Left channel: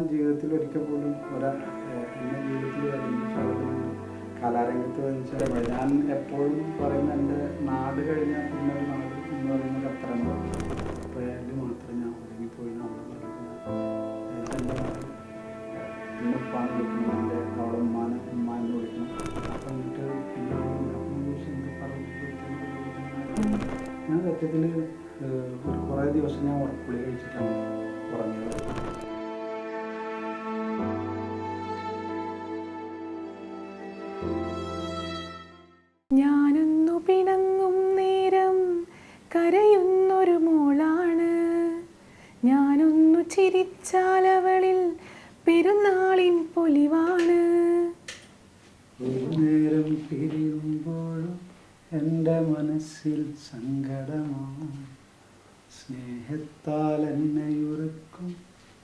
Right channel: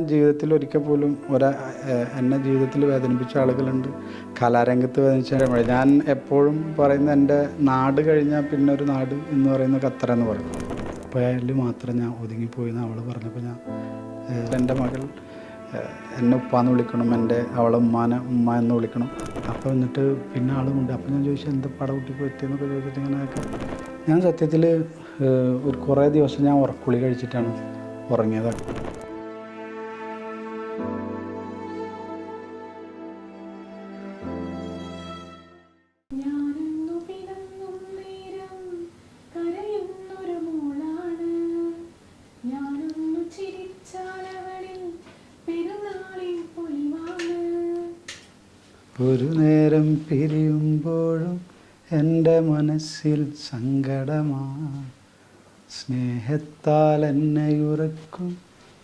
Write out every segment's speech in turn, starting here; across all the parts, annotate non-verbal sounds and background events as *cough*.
ജീവിതത്തിൽ ഒരിക്കൽ പോലും ഒരാ എന്നെ ജീവിതത്തിൽ വേദനിപ്പിച്ച ആളുകളുണ്ട്. കലാരംഗത്ത് വേദനിച്ച ഞാൻ എപ്പോഴും പറയുന്ന എന്റെ നാട് കഴിഞ്ഞാൽ പിന്നെ ഒരു നാട് എന്ന് പറയുന്ന ഖത്തർ എന്ന് പറയുന്നത് അപ്പോൾ അതിൽ മാത്രം ഞാൻ ഒതുങ്ങിപ്പോയി അവൾ പറഞ്ഞപ്പോൾ ഞാൻ എന്റെ മകൾ എന്നെ ഉപ്പാന്ന് വിളിക്കണം എന്റെ അവളെ ഉമ്മാനെ ഉമ്മ എന്ന് വിളിക്കണം. അപ്പോൾ എന്നിട്ട് പിന്നെ ആളുമുണ്ട് അപ്പോൾ ഞാൻ ചോദിച്ചു എന്താ പട കുട്ടി പറ്റിയെന്നൊക്കെ ചോദിച്ചിട്ട് ഇങ്ങനെ. ഞാൻ സത്യത്തിൽ ഒരു കുറേ ദിവസം ഞാൻ ഉറക്കുളി കഴിച്ചിട്ടാണ് ഉറങ്ങിയത്. ചിരിച്ചാലവളിൽ പെരുന്നാളിൻ പൊലിവാണ്. ഒരു നേരം പിരിയുമ്പോഴും എന്റെ മനസ്സിൽ സങ്കടമാ സ്നേഹത്താൽ എന്നെ ഉറക്കും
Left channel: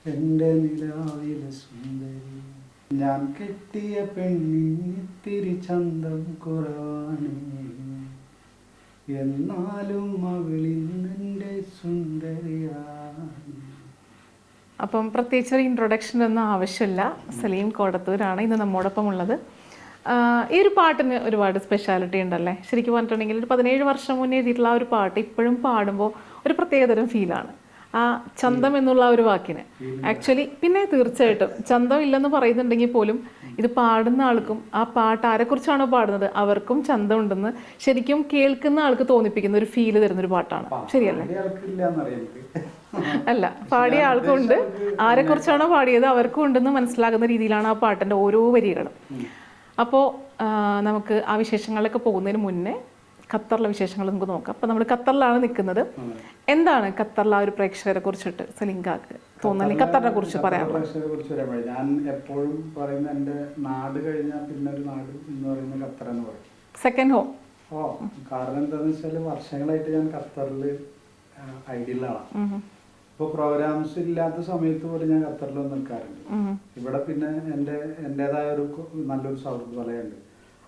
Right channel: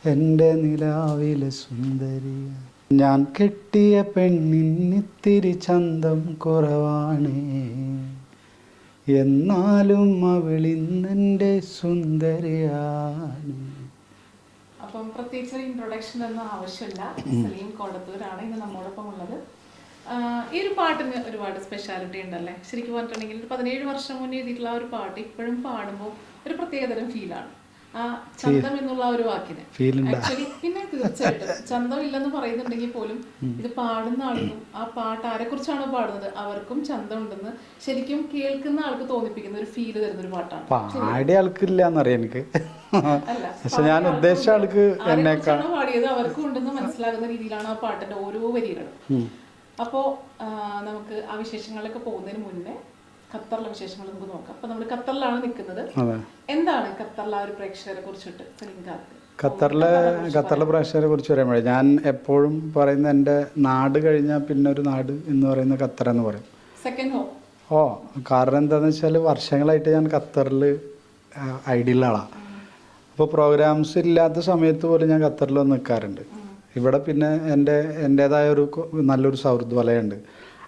എന്റെ നിലാവിലെ സുന്ദരി. ഞാൻ കെട്ടിയ പെണ്ണിന്നിത്തിരി ചന്തം കുറവാണ്. എന്നാലും അവളിന്നെന്റെ സുന്ദരിയാണ്. അപ്പം പ്രത്യേകിച്ച് ഒരു ഇൻട്രൊഡക്ഷൻ ഒന്നും ആവശ്യമില്ല. സലീം കോടത്തൂരാണ് ഇന്ന് നമ്മോടൊപ്പം ഉള്ളത്. ഈ ഒരു പാട്ടിന് ഒരുപാട് സ്പെഷ്യാലിറ്റി ഉണ്ടല്ലേ? ശരിക്കും പറഞ്ഞിട്ടുണ്ടെങ്കിൽ ഒരു പതിനേഴ് വർഷം മുന്നേ എഴുതിയിട്ടുള്ള ആ ഒരു പാട്ട് ഇപ്പോഴും പാടുമ്പോൾ ഒരു പ്രത്യേകതരം ഫീലാണ് ആ ചന്തം എന്നുള്ള ഒരു വാക്കിന്. ആക്ച്വലി പിന്നെ തീർച്ചയായിട്ടും. *laughs* ചന്തം ഇല്ലെന്ന് പറയുന്നുണ്ടെങ്കിൽ പോലും ഇത് പാടുന്ന ആൾക്കും ആ പാട്ട് ആരെക്കുറിച്ചാണോ പാടുന്നത് അവർക്കും ചന്തം ഉണ്ടെന്ന് ശരിക്കും കേൾക്കുന്ന ആൾക്ക് തോന്നിപ്പിക്കുന്ന ഒരു ഫീൽ തരുന്ന ഒരു പാട്ടാണ്. *laughs* അല്ല പാടിയ ആൾക്കുണ്ട് ആൾക്ക് ആരെ കുറിച്ചാണോ പാടിയത് അവർക്കും ഉണ്ടെന്ന് മനസ്സിലാകുന്ന രീതിയിലാണ് ആ പാട്ടിന്റെ ഓരോ വരികളും. അപ്പോ നമുക്ക് ആ വിശേഷങ്ങളിലൊക്കെ പോകുന്നതിന് മുന്നേ ഖത്തറിലെ വിശേഷങ്ങൾ നമുക്ക് നോക്കാം. അപ്പൊ നമ്മൾ ഖത്തറിലാണ് നിൽക്കുന്നത്. എന്താണ് ഖത്തറിലെ ആ ഒരു പ്രേക്ഷകരെ കുറിച്ചിട്ട് സലിംഗാക്ക് ഖത്തറിലെ പ്രേക്ഷകരെ കുറിച്ച് പറയുമ്പോഴേ ഞാൻ എപ്പോഴും പറയുന്ന എന്റെ നാട് കഴിഞ്ഞാൽ പിന്നെ ഒരു നാട് എന്ന് പറയുന്ന ഖത്തർ എന്ന് പറയും. സെക്കൻഡ് ഹോം ഓ കാരണം എന്താണെന്ന് വെച്ചാൽ വർഷങ്ങളായിട്ട് ഞാൻ ഖത്തറിൽ ഐഡിയൽ ആളാണ് അപ്പോൾ പ്രോഗ്രാംസ് ഇല്ലാത്ത സമയത്ത് പോലും ഞാൻ ഖത്തറിൽ വന്ന് നിൽക്കാറുണ്ട് ഇവിടെ പിന്നെ എന്റെ എന്റേതായ ഒരു നല്ലൊരു സൗഹൃദ വലയുണ്ട്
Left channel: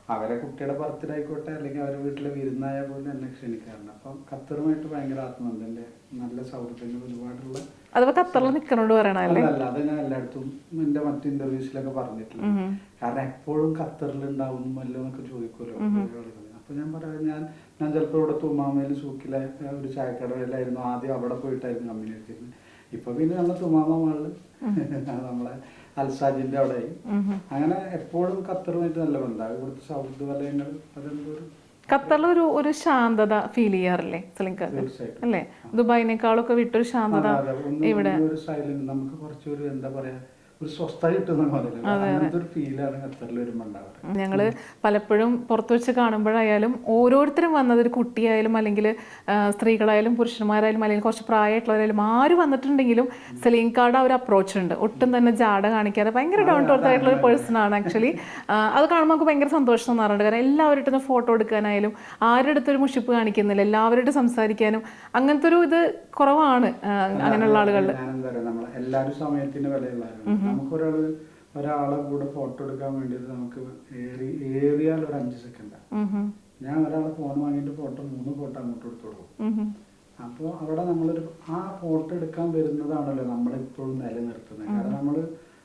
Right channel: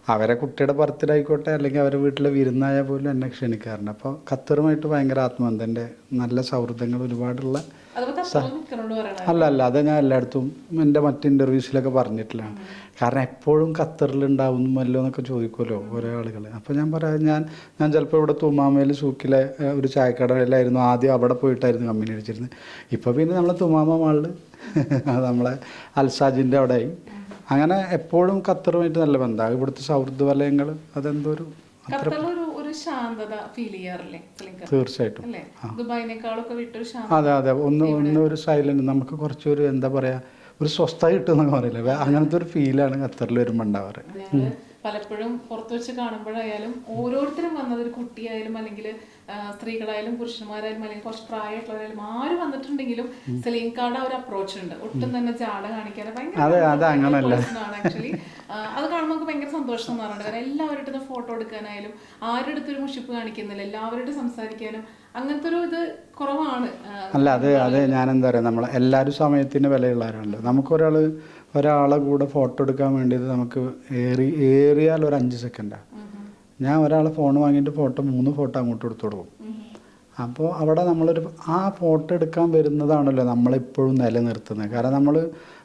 അവരെ കുട്ടിയുടെ ബർത്ത്ഡേ ആയിക്കോട്ടെ അല്ലെങ്കിൽ അവരുടെ വീട്ടിലെ വിരുന്നായാൽ പോലും എന്നെ ക്ഷണിക്കാറുണ്ട്. അപ്പോൾ ഖത്തറുമായിട്ട് ഭയങ്കര ആത്മബന്ധം എന്റെ നല്ല സൗഹൃദങ്ങൾ ഒരുപാടുള്ള അല്ല അല്ല അത് ഞാൻ എല്ലായിടത്തും എന്റെ മറ്റ് ഇന്റർവ്യൂസിലൊക്കെ പറഞ്ഞിട്ടില്ല. കാരണം എപ്പോഴും ഖത്തറിൽ ഉണ്ടാവുന്നല്ലോ എന്നൊക്കെ ചോദിക്കുമല്ലോ ഓരോ ആളുകൾ അപ്പോൾ ഞാൻ പറയാം ഞാൻ ഞാൻ ചിലപ്പോൾ ഇവിടെ തുമാമയിൽ സൂക്കിലെ ഒരു ചായക്കടയിലായിരുന്നു ആദ്യം അവിടെ പോയിട്ടായിരുന്നു കമ്പനി അടിച്ചിരുന്നത്. ഇപ്പോൾ പിന്നെ നമ്മളെ തുമാമ മാളിൽ *laughs* നമ്മളെ അൽസാജിന്റെ അവിടെയായി. അങ്ങനെ എപ്പോഴും ഖത്തറുമായിട്ട് നല്ല ബന്ധമാണ് ഇവിടുത്തെ സൗഹൃദ വലയങ്ങൾ അതെന്തോ ഒരു ഖത്തറിൽ ഒരു ഒരു ശാന്തത ഫീൽ ചെയ്യാറില്ലേ തീർച്ചയായിട്ടും. അല്ലേ? ദുബായിനേക്കാളൊക്കെ വിട്ടൊരു ശാന്തത അതെ അതെ. ഒന്ന് ഒരു സൈലന്റ് നമുക്ക് കുറച്ചൊരു എന്താ പറയാ ഒരു സ്വസ്ഥത കിട്ടുന്നൊക്കെ പറയില്ലേ? അങ്ങനത്തെ ഒരു ഫീലാണ് ഖത്തറിൽ വരുമ്പോൾ ഉണ്ടാവാറ്. ഞങ്ങൾ പലപ്പോഴും പുറത്തു വെച്ച് കാണുമ്പോഴായാലും ഓരോരുത്തരും വന്നത് ഒരു കുട്ടിയായാലും അല്ലെങ്കിൽ സ്ത്രീകളായാലും പുരുഷന്മാരായാലും അല്ലെങ്കിൽ കുറച്ച് പ്രായമായിട്ടുള്ളവരായാലും ആര് വന്നിട്ടുണ്ടെങ്കിലും സെലീം കാർഡ് ആ ഒരു അപ്രോച്ച് ഉണ്ട്. ഒട്ടും തന്നെ ജാട കാണിക്കാതെ ഭയങ്കര ആയിട്ടുള്ള പേഴ്സൺ ആണ് ആക്ച്വലി അത് കാണുമ്പോൾ നമുക്ക് ഭയങ്കര സന്തോഷം തോന്നാറുണ്ട്. കാരണം എല്ലാവരുടെ ഫോട്ടോ എടുക്കാനായാലും ആരുടെ അടുത്ത് ഒരു മുഷിപ്പ് കാണിക്കുന്നില്ല. എല്ലാവരുടെ സംസാരിക്കാനും അങ്ങനത്തെ ഒരു ഇത് കുറവാണ്. ആ, അല്ല അത് അത് ഞാൻ എന്താ പറയാ നമ്മളെ എല്ലാവരും സമയത്തിന് വിലയുള്ളവരാണ്. നമുക്കൊരാൾ ഒരാളെ കൂടെ ഫോട്ടോ എടുക്കാൻ വേണ്ടിയത് നമുക്ക് ഏറി ഏറിയാൽ ഒരു അഞ്ച് സെക്കൻഡാണ്. ഞാൻ ഒരാളെ ഫോൺ വാങ്ങിയിട്ട് ഫോട്ടോ മൂന്ന് ഫോട്ടോ അങ്ങോട്ട് എടുത്തു കൊടുക്കും. അപ്പോൾ അവിടെ നമ്മളൊരു ആ ഫോട്ടോ എടുക്കാൻ വരുന്നതാണല്ലോ നമ്മളെപ്പോഴും നിലനിർത്തുന്നത്. കാരണം നമ്മൾ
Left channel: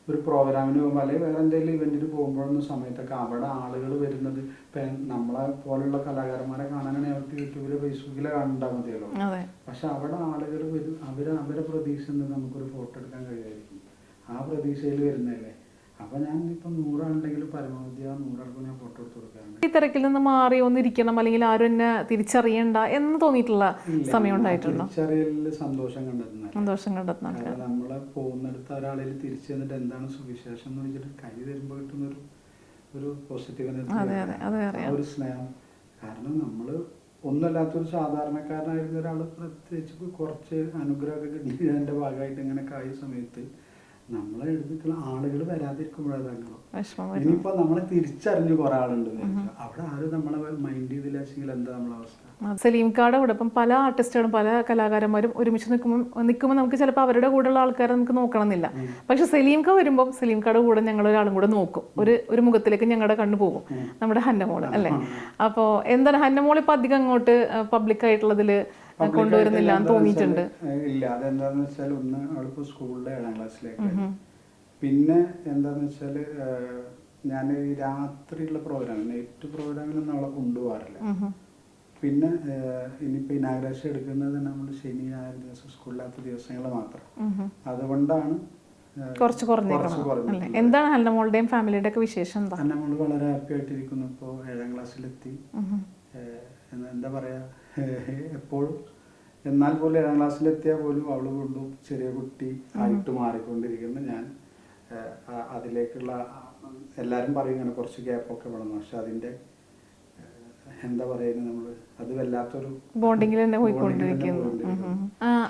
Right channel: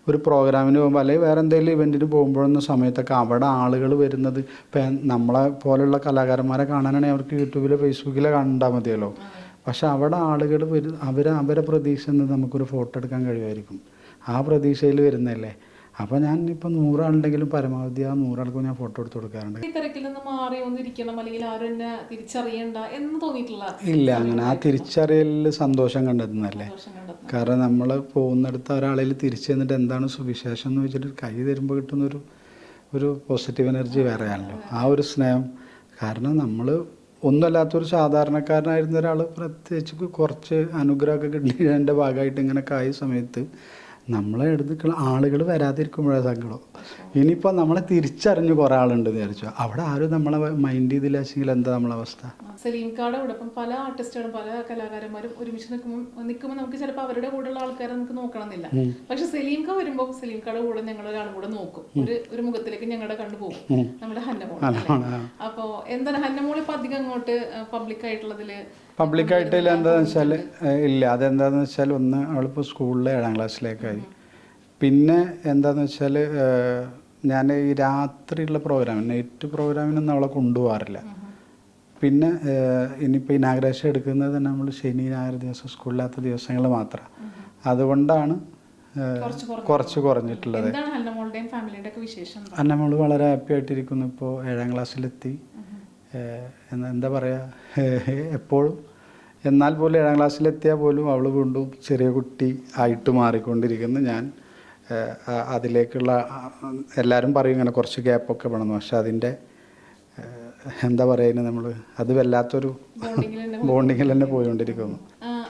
ഒരു പ്രോഗ്രാമിന് പോകുമ്പോൾ അല്ലെങ്കിൽ വേറെ എന്തെങ്കിലും ഇവന്റിന് പോകുമ്പോഴെന്ന സമയത്തൊക്കെ അവിടെ ആളുകൾ വരുന്നത് ഇപ്പം നമ്മളെ പോലെയുള്ള കലാകാരന്മാരെ കാണാനാണെങ്കിൽ അവർക്ക് യൂട്യൂബിലോ ഫേസ്ബുക്കിലോ കണ്ടാൽ മതിയല്ലോ. പക്ഷെ അവിടെ ആളുകൾ വരും അവർ അവരെ പ്രതീക്ഷ നമുക്കൊരു ഫോട്ടോ എടുക്കാൻ കഴിയുമായിരിക്കും. ആ പ്രതീക്ഷയിൽ വരുന്നതല്ലേ? അപ്പോൾ ഞാൻ ഇപ്പൊ നൂറാളുണ്ടെങ്കിലും പരമാവധി ആ നൂറാൾക്കും ഞാൻ ഫോട്ടോ എടുത്ത് കൊടുക്കാറുണ്ട്. ഈ തിരക്കിൽ നിന്ന് മാറി ഒന്നിരിക്കണം അല്ലെങ്കിൽ ആരും എന്നെ തിരിച്ചറിയണ്ട എന്ന് തോന്നിയിട്ടുള്ള ഇല്ല ഞാൻ തിരിച്ചറിയലിൽ സന്തോഷം കണ്ടെത്തുന്നല്ലേ കാരണം നമ്മൾ പോകുന്നിടത്ത് ഒരാളിൽ തിരിച്ചു ചെന്നിട്ട് എന്താണ് സുവിശേഷം എന്ന് വെച്ചിട്ട് കൈ തരുമ്പോൾ കിട്ടുന്ന ഒരു ഒരു പോസിറ്റീവ് എനർജി വേറെയാണ് ആ ഒരു സ്നേഹം. കാരണം നമ്മൾ ഒന്നുമല്ലാത്തൊരു സാധാരണക്കാരനായിരുന്ന ഒരാൾ പ്രത്യേകിച്ച് കുറച്ച് അനുഗ്രഹമൊക്കെ കിട്ടിയതിന്റെ ഭാഗമായിട്ട് ഇങ്ങനെ കായ സമയത്ത് നമ്മളെ എടുത്ത് ആളുകൾ വരാതിരിക്കുമ്പോഴേ സങ്കടം. ഇനിയിപ്പോ ഇനിയിപ്പോൾ നമ്മളെ തിരിച്ചറിഞ്ഞ് കുറേ ആളുണ്ട് വിചാരിച്ചു. അവിടെ ആരും നമ്മളെ മൈൻഡ് ചെയ്തില്ലെങ്കിൽ എന്താ നമ്മളെ അവസ്ഥ? സലീം കാർഡ് അവിടെ ഇപ്പം പല ആർട്ടിസ്റ്റുകളും പല കലാകാരന്മാരും ഒരുമിച്ച് നിൽക്കുമ്പോൾ നിൽക്കുമ്പോൾ നമുക്ക് ചിലപ്പോൾ അവരുടെ കൂടെയുള്ള ആൾക്കാരെ നമുക്ക് നോക്കണമെന്നില്ല. പക്ഷെ സലീം കാ വരുമ്പോൾ സലീം കാർഡ് കൂടെ ഞങ്ങൾ ഒരാളും കൂടെ നോക്കും. ഒരു ഒരു മുഖത്തിലേക്ക് ഞങ്ങളുടെ കണ്ണു പോകും. നമ്മുടെ ഹന്നമോൾ അല്ലേ? അപ്പോ എന്താണ് ഹന്നമോൾ ഇപ്പൊ അധികം അങ്ങോട്ട് പബ്ലിക് ആയിട്ടുള്ളതിൽ പബ്ലിക്കായിട്ട് ആയിട്ട് വെച്ചാൽ ഇല്ല. അതെന്താന്ന് വെച്ചാൽ ഒന്ന് അവളിപ്പോൾ സ്കൂളിലെ ഏഴാം ക്ലാസ്സിലേക്കായി പിന്നെ എന്താന്ന് വെച്ചാൽ ഞാൻ ഈ രാത്രിയുള്ള പ്രോഗ്രാം നൈറ്റ് പ്രോഗ്രാമിനൊന്നും അവളെ കൊണ്ടുപോകാറില്ല. പിന്നെ ഇനിയിപ്പോൾ ഇനാഗ്രേഷൻ എടുക്കുന്നത് തന്നെ നമ്മൾ ശനി ഞായർ ദിവസം സ്കൂളിലാത്ത ദിവസങ്ങൾ മാത്രം. അതുകൊണ്ടാണ് കുറച്ച് കുറഞ്ഞു കുറച്ച് കുറഞ്ഞിട്ടുള്ളത്. എന്താണ് ഫാമിലിയുടെ ഒക്കെ വിശേഷം നമ്മൾ വളരെ ഹാപ്പി ആയിട്ടിരിക്കുന്നു. ഇപ്പോൾ ഏഴാം ക്ലാസ്സിലെത്തി. എന്താ പറയുക എപ്പോഴും. എന്നാൽ പോലും ഏഴാം ക്ലാസ്സിലെത്തിയാൽ പോലും അവൾ വീണ്ടും ചെറിയ കുട്ടി ആയിട്ട് മാറിക്കൊണ്ടിരിക്കുന്നു. ഞാൻ അതിലേക്കുള്ള എല്ലാവരും പറയും ഇങ്ങനെ കുറച്ച് ഗ്യാപ്പൊക്കെ വേണം. പക്ഷെ അതിന്റെ എന്താ പറയുന്നത് നമ്മൾ അത് വല്ലാത്തൊരു ബോണ്ടിങ്ങിൽ തന്നെ *laughs* തന്നെ പോയിക്കൊണ്ടിരിക്കുന്നു.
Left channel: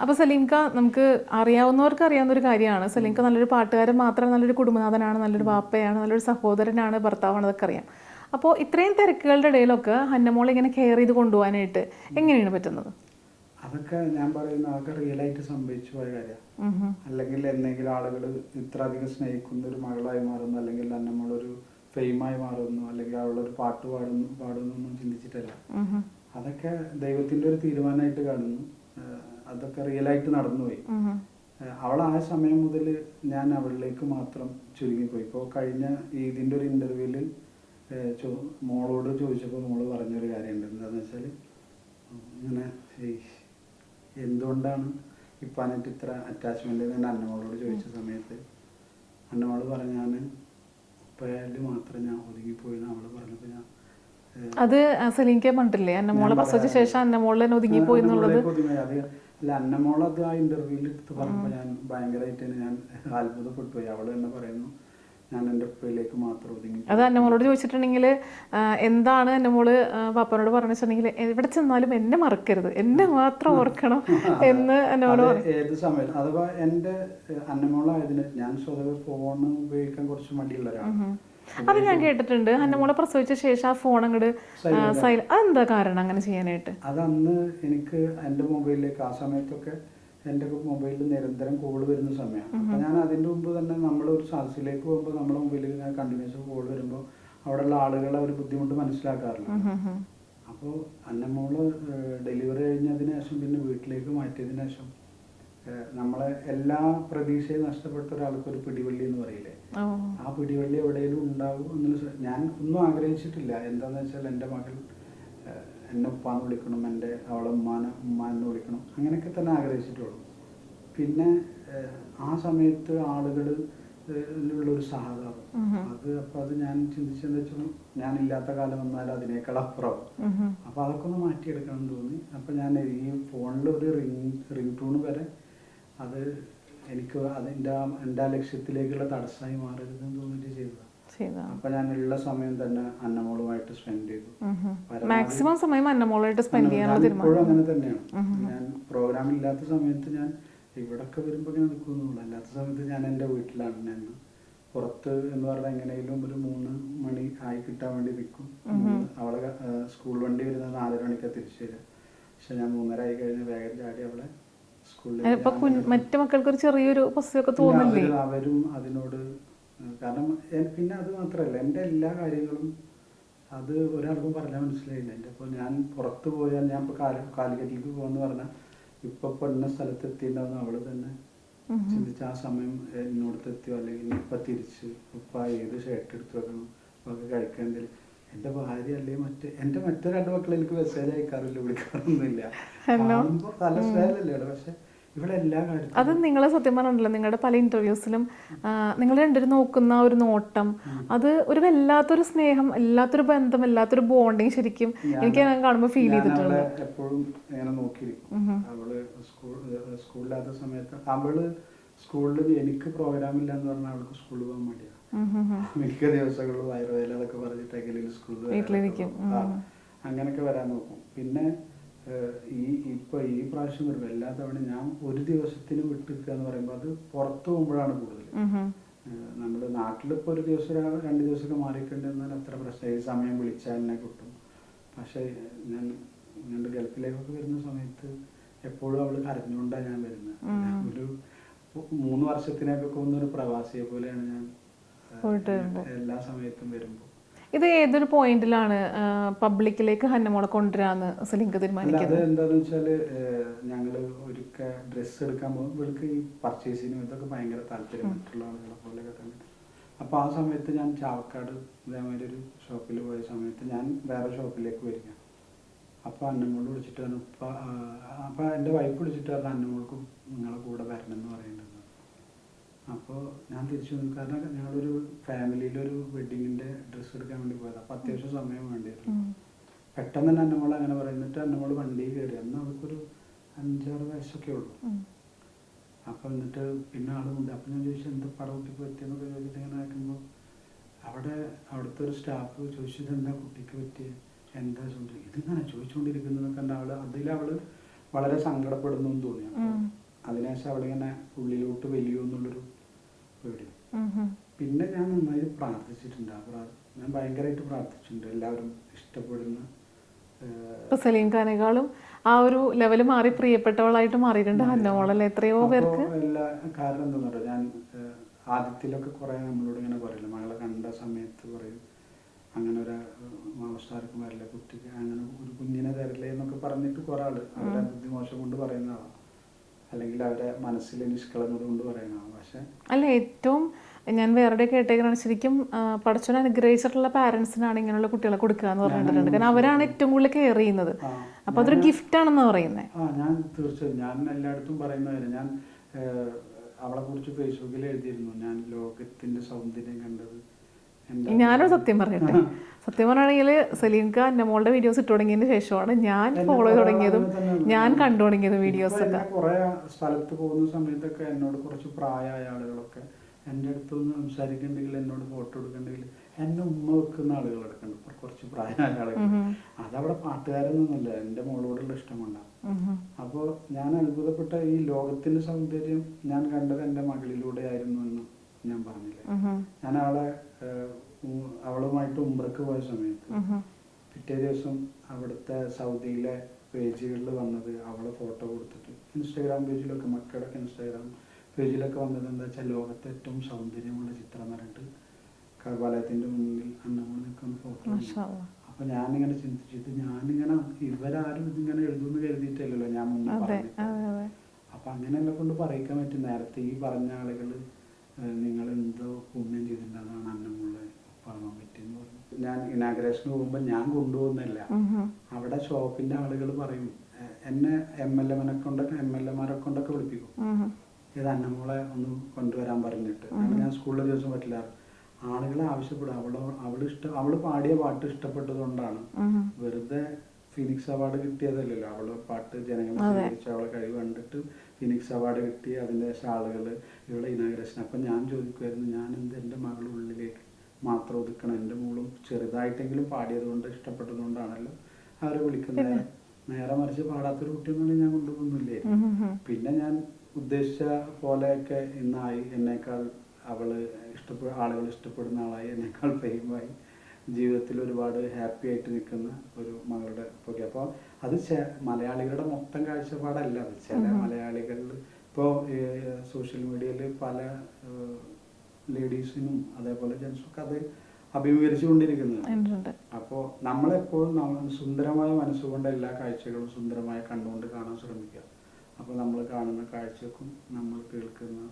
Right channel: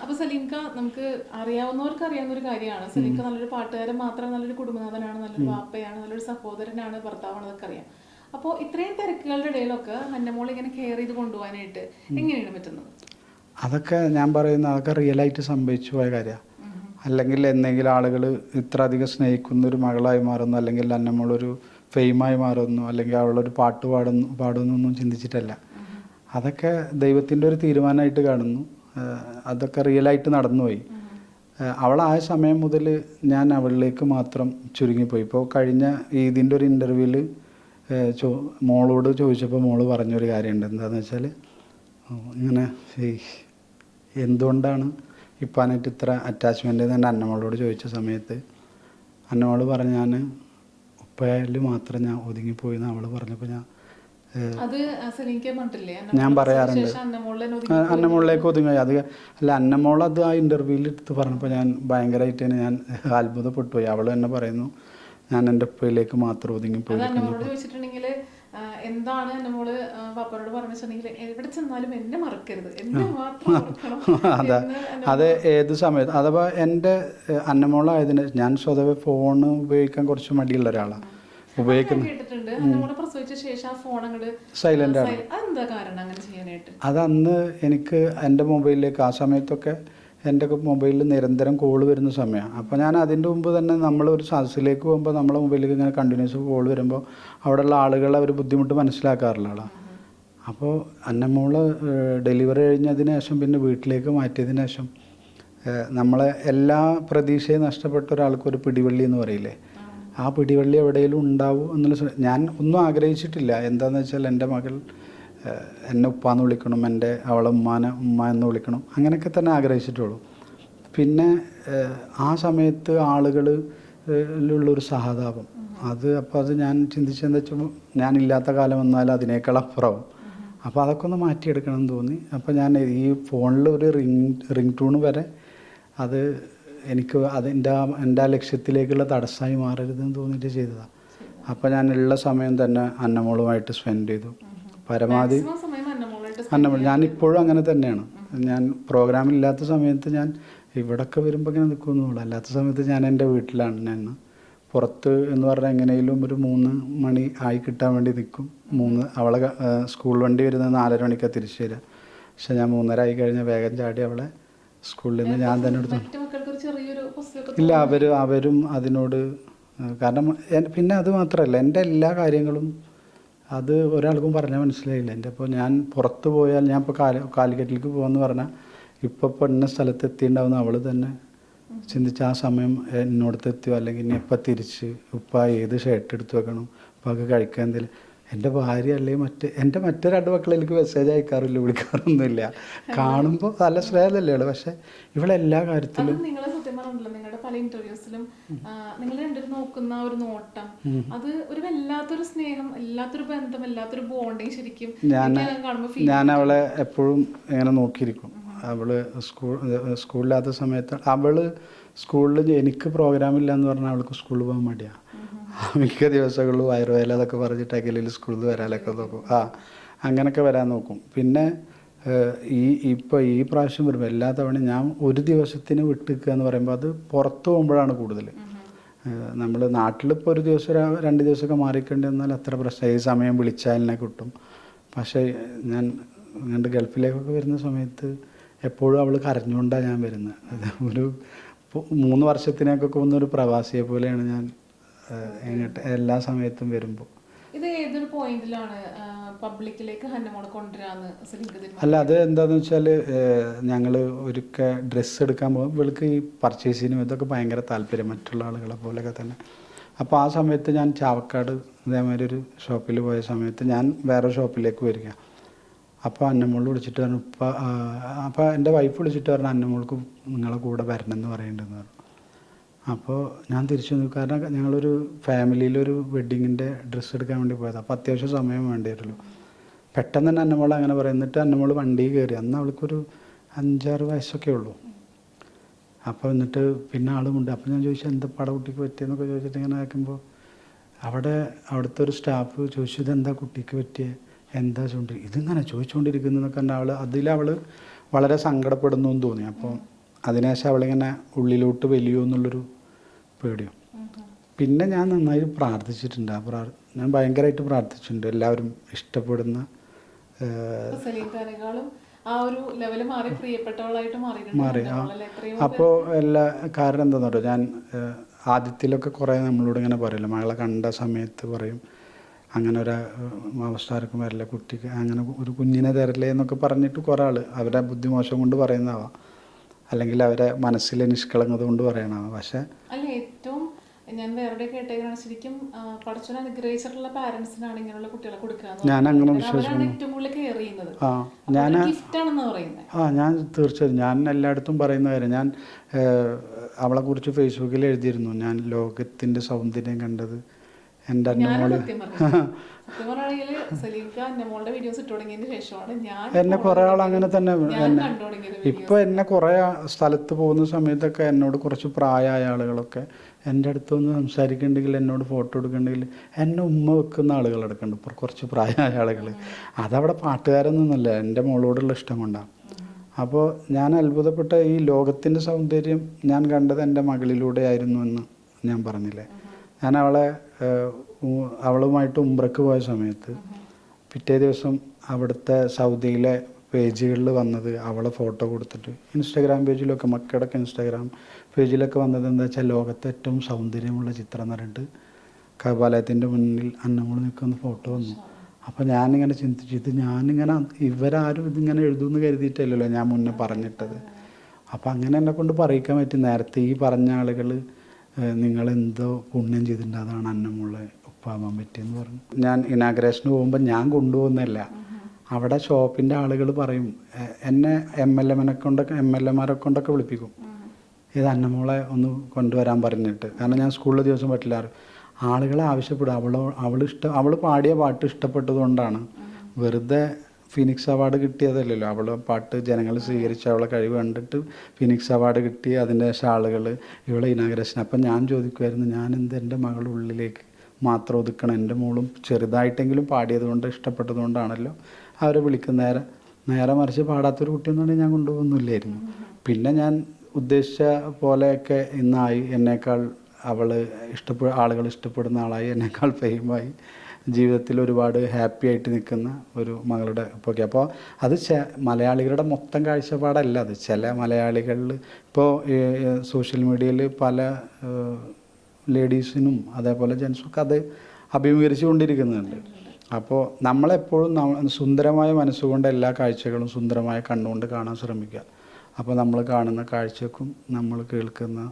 അപ്പൊ സലീംക നമുക്ക് അറിയാവുന്നവർക്ക് അറിയാവുന്ന ഒരു കാര്യമാണ് സലീംക നല്ലൊരു പാട്ടുകാരൻ മാത്രമല്ല നല്ലൊരു കുടുംബനാഥനാണ് നല്ലൊരു വാപ്പയാണ് നല്ലൊരു സഹോദരനാണ് ഭർത്താവാണ് അതൊക്കെ അറിയാം. അപ്പോൾ ഇത്രയും തിരക്കുകളുടെ ഇടയിലൊക്കെ ഹന്നമോൾ ഇങ്ങനെ കെയർ ചെയ്ത് കൊണ്ടുപോകാനായിട്ട് എങ്ങനെയാണ് പറ്റുന്നത്? അതൊക്കെ ഞാൻ പറയുന്ന അതൊക്കെ റിയലായിട്ട് സംഭവിച്ചു പോയ കാര്യമാണ്. അല്ലെങ്കിൽ എന്തെങ്കിലും ആളുകൾ ഇത്ര അധികം സ്നേഹിക്കുന്ന ഒരു മകളായി മാറുന്നു അല്ലെങ്കിൽ അന്നമ്മളൊരു ഫെയിമായി മാറുന്നു അല്ലെങ്കിൽ അവളൊരു പാട്ട് പാടുന്നു പാടുന്നു ഒന്നും ചിന്തിച്ചിട്ടല്ല അതൊക്കെ ദൈവത്തിന്റെ ഒരു തീരുമാനമായിട്ട് കാണുന്നു. അതൊക്കെ റിയലായിട്ട് നടന്നുപോയി അവളായ സമയം മുതൽ ഞാൻ അവളിലേക്ക് മാത്രം ചുരുങ്ങിപ്പോയി. ഇപ്പോൾ കഴിഞ്ഞ ഈദിന്റെ ഒരു ഇന്റർവ്യൂവിൽ ചോ മോളോട് ചോദിച്ചപ്പോൾ മോൾ പറഞ്ഞൊരു കാര്യമുണ്ട് എന്താണെന്ന് വെച്ചാൽ ഇങ്ങനെ എന്തുകൊണ്ടാണ് ഇപ്പാനായിട്ട് ഇത്ര അറ്റാച്ച്മെന്റ് എന്ന് അന്നമ്മളോട് ചോദിച്ച സമയത്ത് അന്നമ്മൾ പറഞ്ഞ ഞാൻ ഉപ്പയിൽ മാത്രം ഞാൻ ഒതുങ്ങിപ്പോയി എന്ന് അവൾ പറഞ്ഞപ്പോൾ ഞാൻ അത് സലീംക പറഞ്ഞിട്ടില്ലേ? അന്നമോളിലേക്ക് ഒതുങ്ങി അത് അല്ല അന്നമോൾ അത് ആ ഇന്റർവ്യൂവിൽ എടുത്ത് പറഞ്ഞപ്പോൾ ഞാൻ ഭയങ്കരമായിട്ട് തന്നെ ഞാൻ അത്ഭുതപ്പെട്ടു പോയി. അവൾ തന്നെ പറയുന്നു ഞാൻ എന്റെ ഉപ്പയിലേക്ക് മാത്രം ഒതുങ്ങി അത് അന്നമോളോട് ചോദിച്ചിട്ടുണ്ടെങ്കിൽ എന്താണ് എന്റെ മോൾ പാപ്പനോട് പറഞ്ഞിട്ടുണ്ടെങ്കിൽ എവിടെ ചെന്നാലും എന്നെ മറക്കരുത്. എന്നെ മാത്രം ഓർക്കണം *laughs* എന്ന് അത് ഏത് സമയത്ത് അഥവാ എന്റെ അന്നമോളായതിന് ഞാൻ സ്വതവേ ഫോൺ ഉപയോഗിക്കാൻ കുറച്ച് മടിയുള്ള ഒരാളാണ് അത് ഞാൻ കേട്ടിട്ടുണ്ട്. അന്നമോളെ പ്രസവിച്ച ശേഷം ആ ഫോൺ അങ്ങോട്ട് അതെന്താ കാരണം അങ്ങനെ ചെയ്യാനായിട്ട്? അത് അന്ന് എനിക്ക് എന്റെ മൊബൈലിലേക്ക് ആ സമയത്തൊക്കെ എന്റെ മൊബൈലിൽ നിരന്തരം കോൾ വരുന്ന സമയമാണ് അപ്പോൾ ഞാൻ അതിന്റെ മുമ്പ് തന്നെ നമ്മൾ ഒരു സദസ്സിലേക്ക് പോകുമ്പോൾ നമ്മളെ മൊബൈലിൽ ഇങ്ങനെ കണ്ടിന്യൂസ് കോൾ വരുമ്പോൾ അവിടെയുള്ള ആളുകളെ ഒരു ബുദ്ധിമുട്ട് മനസ്സിലാക്കാറില്ല അപ്പോൾ അന്നമ്മോൾ ഡെലിവറി കഴിഞ്ഞതിന് ശേഷം പിന്നെ വീട്ടിലേക്ക് മാറ്റിയതിന് ശേഷം നമ്മളെ എല്ലാ പ്രതീക്ഷയും നഷ്ടപ്പെട്ട ഒരാൾക്ക് ഒരു പിടിവള്ളി എന്ന് പറയില്ലേ? ആ. പിടിവള്ളി എവിടെയെങ്കിലും ഉണ്ടാവും എന്നുള്ള ഞാൻ ഒന്നും ആഗ്രഹിച്ചിട്ടില്ല. എന്താണെന്ന് വെച്ചാൽ എന്റെ മകൾ എന്നെ ഉപ്പാന്ന് വിളിക്കണം എന്റെ അവളെ ഉമ്മാനെ ഉമ്മ എന്ന് വിളിക്കണം അങ്ങനെയൊക്കെ തന്നെ ആഗ്രഹിച്ചിട്ടുള്ളൂ. പിന്നെ ആ സമയത്ത് ആളുകൾ ുള്ളൊരു സഹതാപം. അത് അപ്പോൾ അത് ഞാൻ ചിന്തിച്ചെന്ന് വെച്ചാൽ ഞാൻ ഇല്ലാത്ത കാലം വന്നാൽ അതിനേക്കാൾ അപ്പുറവും. അപ്പോൾ അതൊക്കെ ഒന്ന് മാറ്റിയെടുക്കണം എന്ന് തോന്നി. അപ്പോൾ ഞാൻ ഈ ഫോണിൽ ഒരു റിങ് റിങ് ടൂൺ വരെ അത് എനിക്ക് അതിന്റെ എന്റെ ആ ലക്ഷ്യത്തിലേക്കുള്ള തടസ്സമായി മാറരുതെന്ന് തോന്നിയിട്ട് ചെയ്തതാണ് അപ്പോൾ ഞാൻ ഉള്ള സമയം തന്നെ അന്നമോളുമായിട്ട് സ്പെൻഡ് ചെയ്തു. പരമാവധി അന്നമോൾ ഞാൻ ഇപ്പോഴും അങ്ങനെ തന്നെയാണ്. ഞാൻ പ്രോഗ്രാം ഇല്ലാത്ത സമയത്ത് ഞാൻ ഇവിടൊക്കെ വരുമ്പോൾ ഇങ്ങനെ നിൽക്കുന്നുള്ളൂ അല്ലാത്ത സമയത്ത് ഞാൻ എന്റെ വീട്ടിലാണ്. ഞാൻ പുറത്ത് എന്ന് പറഞ്ഞാൽ എങ്ങനെയും ഒരു മൂന്ന് മണി ആയി കിട്ടാൻ വേണ്ടി നിൽക്കും മൂന്ന് അവളെ സ്കൂൾ വണ്ടി വരുന്നത് നാലര മണിക്കാണ് തിരിച്ചു വരിക പക്ഷെ ഞാൻ മൂന്നര ആയി കഴിഞ്ഞാൽ വേഗം ചാടി അവളെ സ്കൂളിൽ ഞാൻ തന്നെ ഇല്ല അവരും അതിനോട് കാരണം പിന്നെ അത് മാത്രമല്ല എന്റെ എല്ലാ കാര്യങ്ങളും അത് ഒരാൾക്കും പറഞ്ഞാൽ മനസ്സിലായില്ല. എന്റെ ഇപ്പോൾ ഞാൻ പുറത്ത് പോയാൽ ഞാൻ ഇപ്പോൾ കാൽ കാലിക്കറ്റിലേക്ക് പോകുമെന്ന് പറഞ്ഞാൽ ഇപ്പോൾ ഇപ്പോൾ ഇന്ന സ്ഥലത്ത് എത്തിയിട്ടുണ്ടാവുന്ന അവൾ തന്നെ ചിന്തിച്ച് ആ സമയം എന്നോടത്ത് എത്തിയോ? അല്ലെങ്കിൽ ഇനി ഇപ്പം തിരിച്ച് ഉപ്പ ഏത് ഷർട്ട് എടുത്ത് വെക്കണം? ഉപ്പാക്ക് കഴിക്കാൻ എന്തെങ്കിലും എന്റെ ഭാര്യ അല്ലെങ്കിൽ മറ്റ് എന്റെ മറ്റേ രണ്ട് മക്കൾ എനിക്ക് മെസ്സേജ് അയക്കാറില്ല വിളിക്കാറൊന്നുമില്ല. കാണുമ്പോൾ നല്ല സ്നേഹമല്ലേ പക്ഷെ ഇവളെല്ലാ കാര്യത്തിലും അത് നിങ്ങളെ സത്യം പറഞ്ഞില്ല. നിങ്ങളുടെ പല ഇന്റർവ്യൂസിലും നിങ്ങൾ രണ്ടുപേരും നോക്കുന്ന ഒരു നോട്ടം അത് ഒരു വല്ലാത്തൊരു സ്നേഹം വല്ലാത്തൊരു ബന്ധം വല്ലാത്തൊരു ബോണ്ടിങ് ശരിക്കും എനിക്ക് കാണുമ്പോൾ ഫീൽ ഞാൻ അവളെ എപ്പോഴും ഇങ്ങനെ നോക്കിയിരിക്കും. അവൾ സ്കൂൾ സ്കൂളില്ലാത്ത സമയത്ത് അവൾ സ്കൂളിൽ എനിക്ക് പ്രോഗ്രാം ഇല്ല എന്ന് പറഞ്ഞാൽ അവൾക്ക് സ്കൂളിൽ പോകാൻ മടിയാ. മിക്ക ദിവസങ്ങളിലും വയറുവേല അതൊക്കെ പറഞ്ഞിട്ട് അഖിലിൽ സ്കൂളിൽ വരാനൊക്കെ നോക്കും. ആ അങ്ങനെയൊക്കെ വരാൻ നോക്കും. പിന്നെ ഈ ഇപ്പോൾ ഈ പ്രാവശ്യം വരുമ്പോൾ എല്ലാ തവണയും ഞാൻ ഒരു ദിവസത്തിന് വിട്ടിക്കുക എന്ന് പറയുമ്പോൾ അത് പുറത്തു പോകുമ്പോഴാണ് കൂടുതൽ നമ്മൾ നാട്ടിലിപ്പോൾ ഒരു ദിവസം രണ്ട് ദിവസമൊക്കെ മാറിക്കേണ്ടി വന്നാൽ അത്ര പ്രശ്നം. ഈ സമയം വിളിച്ചാലിനെ കിട്ടും. പക്ഷേ ഞാൻ അങ്ങോട്ട് ഗൾഫിലേക്കൊക്കെ വരുന്ന സമയത്ത് എപ്പോഴും അവൾ കരഞ്ഞുകൊണ്ടാണ് ഞാൻ വരുന്നത് ഒരു മൂന്ന് വർഷത്തിനൊക്കെ വന്ന ഒരു പ്രവാസിയെ പോലെയാണ് ഞാൻ ഇങ്ങോട്ട് എല്ലാ സമയത്തും വരുമ്പോൾ ഇത് ഏതൊരു പോയിന്റിലാണ് പബ്ലിക്കിലേക്ക് ഹന്നമോളെ കൊണ്ടുവരാന്ന് അല്ല അത് എന്താന്ന് വെച്ചാൽ ഞങ്ങൾ ഒരിക്കൽ ഡ്രസ്സ് എടുക്കാൻ പോകും. ഇവൾക്ക് ഈ പർച്ചേസിനും ഇതൊക്കെ ഭയങ്കര താല്പര്യം മറ്റുള്ള ആളുകളെ പോലെയൊക്കെ തന്നെ. അപ്പോൾ ആ സമയത്ത് ഞാൻ ചാവക്കാട് ഇതേമാതിരി ഒരു ഷോപ്പിൽ പോയ സമയത്ത് ഞാൻ വേറെ ഷോപ്പിലേക്ക് വരിക. അപ്പോൾ അന്നമ്മോൾ വിളിച്ചിട്ട് പറഞ്ഞു ഉപ്പ അപ്പോൾ എന്റെ വൈഫ് വിളിച്ചിട്ട് പറഞ്ഞു അന്നമ്മോൾക്ക് നിങ്ങളെ കൂടെ വരണം എന്ന് പറയുന്നുണ്ടെന്ന് പറഞ്ഞു. അപ്പോൾ ഞാൻ തിരിച്ചു വന്നു. കാരണം ഞങ്ങളൊരു ഫാമിലിയിലൊരു വെഡ്ഡിങ്ങിന്റെ ഡ്രസ്സ് എടുക്കാൻ വേണ്ടി പോയത്. അപ്പോൾ അത്യാവശ്യം സമയം വേണ്ടി വരുമല്ലോ പെട്ടെന്ന് തന്നെ അന്നമോൾ അങ്ങനെ പറയും. എന്നിട്ട് അന്നമോൾ വണ്ടിയിൽ കയറി. അന്ന് അവൾക്കൊരു അഞ്ചാറ് വയസ്സൊക്കെ ഉള്ളൂ. അപ്പോൾ എന്നിട്ട് പിന്നെ ആളുമുണ്ട് അപ്പോൾ ഞാൻ ചോദിച്ചു എന്താ പട കുട്ടിക്ക് പറ്റിയെന്നൊക്കെ ചോദിച്ചിട്ട് ഇങ്ങനെ ആക്കുമ്പോൾ അവിടെ അവിടുത്തെ ഒരു സ്റ്റാഫ് ചോദിച്ചു എന്താ കുട്ടിക്ക് പറ്റിയ? എന്താ ചൂണ്ടി ഇതിങ്ങനെ ചോദിച്ചുകൊണ്ടിരിക്കുന്നതൊക്കെ കണ്ട അവൾ അതിൽ അവൾ വളരെ സങ്കടപ്പെടുന്നു എന്ന് തോന്നി. അപ്പോൾ അതിനുശേഷം അവളിങ്ങനെ ഉള്ളിലോട്ട് വലിയോ എന്നുള്ളൊരു പേടിയോ. പിന്നെ ഞാൻ നന്നായി പ്രാർത്ഥിച്ചിട്ടുണ്ട്. ആ പ്രാർ ഞാൻ ഭയങ്കരമായിട്ട് പ്രാർത്ഥിച്ചിട്ടുണ്ട്. എല്ലാവരും ഇഷ്ടപ്പെടുന്ന ഇപ്പൊ ആ ഒരു ലെവൽ മാറി പ്രിയപ്പെട്ടവളായിട്ട് എത്രയോ അപ്പോൾ എല്ലാ കാരണം എന്താണെന്ന് പറയുക ഞാൻ ആദ്യത്തിലൊക്കെ കുറേ നമ്മളോട് ഇങ്ങനെ പറയില്ല മകളെ കണ്ട സമയത്ത് പറയും അങ്ങനെ ഒരു അവസ്ഥ ആർക്കും വരില്ല. കുട്ടിക്ക് അങ്ങനെ ഒരു കുഞ്ഞിനെ തരില്ലേ എന്നൊക്കെ പറഞ്ഞിട്ട് കുറേ ആൾ അവരെ ബുദ്ധിമോശം കൊണ്ട് പറയുന്നതാവാം. അല്ലെങ്കിൽ അവരെ മനസ്സിലെ നിഷ്കളങ്കത കൊണ്ട് പറയണതാണ് പക്ഷേ അല്ല ഏറ്റവും ഞാൻ വേറെ കേട്ടേക്കാണ് ശരിക്കും ആ, പടച്ചോൻ അനുഗ്രഹിച്ചിട്ടുള്ള പാരന്റ്സിനാണ് ഇങ്ങനെയുള്ള കുട്ടികളെ കൊടുക്കുക എന്ന് അവരാണ് ഏറ്റവും കൂടുതൽ കെയർ ചെയ്യുന്നത്. ആ അപ്പൊ അതൊരു ഗിഫ്റ്റ് ആണെന്ന് പറയുന്നത് ആ ഞാൻ തീർച്ചയായും ഞാൻ എല്ലായിടത്തും പറയുന്ന കാര്യം ഞാൻ അവളെ കുറിച്ച് ഫേസ്ബുക്കിൽ എഴുതിയിരുന്നു. ഞാൻ ലോകത്തിന്റെ സൗന്ദര്യം കണ്ടത് എന്റെ ഞാനും സത്യം പറയുന്നത് സത്യം പറയുകയാണെങ്കിൽ സലീം ഖാൻ മോളുടെ വീഡിയോസ് ഇട്ട് തുടങ്ങിയതിന് ശേഷമാണ് ഞാൻ ഞാൻ കണ്ടു തുടങ്ങിയത് വീഡിയോ എന്നെ കുറെ സ്ഥലത്ത് പോകുന്ന സമയത്തൊക്കെ എന്നോട് കുറച്ച് പ്രായമായ ആളുകളൊക്കെ എന്റെ അടുത്ത് ഒന്ന് സംസാരിക്കണ്ടെങ്കിൽ എന്നോട് ഫോട്ടോ എടുക്കണ്ടെങ്കിൽ എന്നെ ഉമ്മ വെക്കുന്ന ആളുകൾ എടുക്കുന്നുണ്ട് ഇപ്പൊ കുറച്ച് പ്രായമായ ആളുകൾ അതവിടെ പാട്ടുകാരൊന്നുമല്ല എന്റെ മോളോടുള്ള ഇഷ്ടം കൊണ്ടാണ് അപ്പോൾ ഞാൻ അത്ഭുതപ്പെട്ട ഈ ലോകത്തിന്റെ സൗന്ദര്യം ഞാൻ കണ്ടത് എന്റെ മകളിലൂടെ ആയിരുന്നു എന്ന്. ഞാൻ പറഞ്ഞില്ലേ? ഞാൻ അവളെ അവളുമായിട്ട് ഉംറക്ക് പോയ സമയത്ത് പിറ്റേ ദിവസം അവിടുത്തെ സൗദിയിലെ പേജുകളിൽ വന്നത് അവളെ ഫോട്ടോ കൊടുത്തിട്ട്. ഇൻസ്റ്റാഗ്രാം പേജിലൊക്കെ മക്കളുടെ ഇൻസ്റ്റാഗ്രാം പേജിലൊക്കെ വന്നത് എന്താ വെച്ചാൽ ലോകത്തെ ഏറ്റവും സൗന്ദര്യമുള്ള ചിത്രം എന്ന് പറഞ്ഞിട്ട് കപാലയത്തിന്റെ മുന്നിൽ അന്നമോൾ നിൽക്കുന്ന ഫോട്ടോ വന്നു. അപ്പോൾ ഞാനിങ്ങനെ ചിന്തിച്ചു ഇത് ഞാനിങ്ങനെ ഇവരാരും ഇതിങ്ങനെ എഴുതുമെന്ന് കരുതിയിട്ടല്ലല്ലോ ഞാൻ മുന്നേ പറഞ്ഞിട്ടത്. അപ്പം അങ്ങനെ എന്നെ കൊണ്ട് പറയിക്കാൻ പറ്റും. നേരത്തെ ഈ പറഞ്ഞ ആളുകൾ നിങ്ങൾ എന്തോ പുണ്യം ചെയ്തിട്ടുണ്ട് അതാണ് അന്നമുള്ള ഉപ്പാവാൻ പറ്റിയെന്ന് പറഞ്ഞു. ഞാൻ ഇനാഗ്രേഷന് പോകുമ്പോൾ ഞാൻ കൊണ്ടുപോകുന്നില്ല അവിടെ ഷോപ്പിന്റെ ആളുകൾ പറയും എന്നെ എം എൽ എമ്മിനെ കൊണ്ടൊക്കെ എം എൽ എമാരെ കൊണ്ടൊക്കെ വിളിപ്പിക്കും. ഇത് അന്നമോളെ ഒന്ന് കൊണ്ടുവരാൻ പറഞ്ഞിട്ട്. കാരണം ഞാൻ സ്കൂളിൽ ദിവസം പറ്റില്ല. ആളുകളെ ആവശ്യപ്പെടും. അവൾ അവൾ ഇഷ്ടം അവൾ പാടിയ പാട്ട് ഇഷ്ടപ്പെട്ടതുകൊണ്ടാണ്. വെറുതെ ഫിനിക്സ് അവാർഡ് കിട്ടിയതല്ലല്ലോ. അവൾ പാട്ട് ജനങ്ങൾ സ്വീകരിച്ച അവളെ കഴിവ് കണ്ടിട്ട് ഫിനിക്സ് അവാർഡ് കിട്ടി അതിന്റെ ഷാളുകൾ ഇവളെ ഇനാഗ്രേഷൻ അപ്പം ഞാൻ ചോദിക്കുമായിരുന്നു ഞാൻ എന്ത് എന്റെ മകളുടെ ഉള്ളിലേക്ക് മാത്രം ഒതുക്കണം? എന്റെ മോളും ചെറുതായിട്ടെങ്കിലും പാടിയത് കൊണ്ട് ഇഷ്ടപ്പെട്ടത് കൊണ്ടാണല്ലോ അവരെ വിളിക്കുന്ന നേരം നേരെ മറിച്ച് പാടാത്തൊരു കുട്ടിയൊന്നും ഞാൻ കൊണ്ടുപോകുന്നില്ലായിരുന്നു. പിന്നെ ഞാൻ ഉദ്ദേശിച്ച പോലെയൊക്കെ ഇന്നായി. എന്നേക്കാൾ അവൾ ഇഷ്ടപ്പെ ആളുകൾ ഇഷ്ടപ്പെടുന്ന ആളായി. എന്നേക്കാൾ ഫെയിമായി ജീവിതത്തിൽ ഒരുപാട് ഹാപ്പി ആയിട്ട് നിൽക്കുന്ന ഒരു മകളുടെ ഒക്കെ അപ്പോൾ അത് ചെ- മലയാളികളുടെ മൊത്തം കാഴ്ചപ്പാടല്ല അത്. ചില മലയാളികളിൽ ഇപ്പോൾ സോഷ്യൽ മീഡിയയിൽ പല ലേഡീസിനും അതേപോലെ ജെൻസും അത് അഭിമുഖീകരിച്ചു കൊണ്ടിരിക്കുന്നുണ്ട് അപ്പോൾ നമ്മളെപ്പോഴും നമ്മ- സുന്ദരമായ മനസ്സുകൊണ്ട് എല്ലാ കാഴ്ചകളും സുന്ദരമായ കണ്ണുകൊണ്ട് കാണാൻ ശ്രമിക്കുക. അപ്പോൾ നമ്മൾ കാണുന്ന കാഴ്ചക്കും നമ്മൾ കേൾക്കുന്ന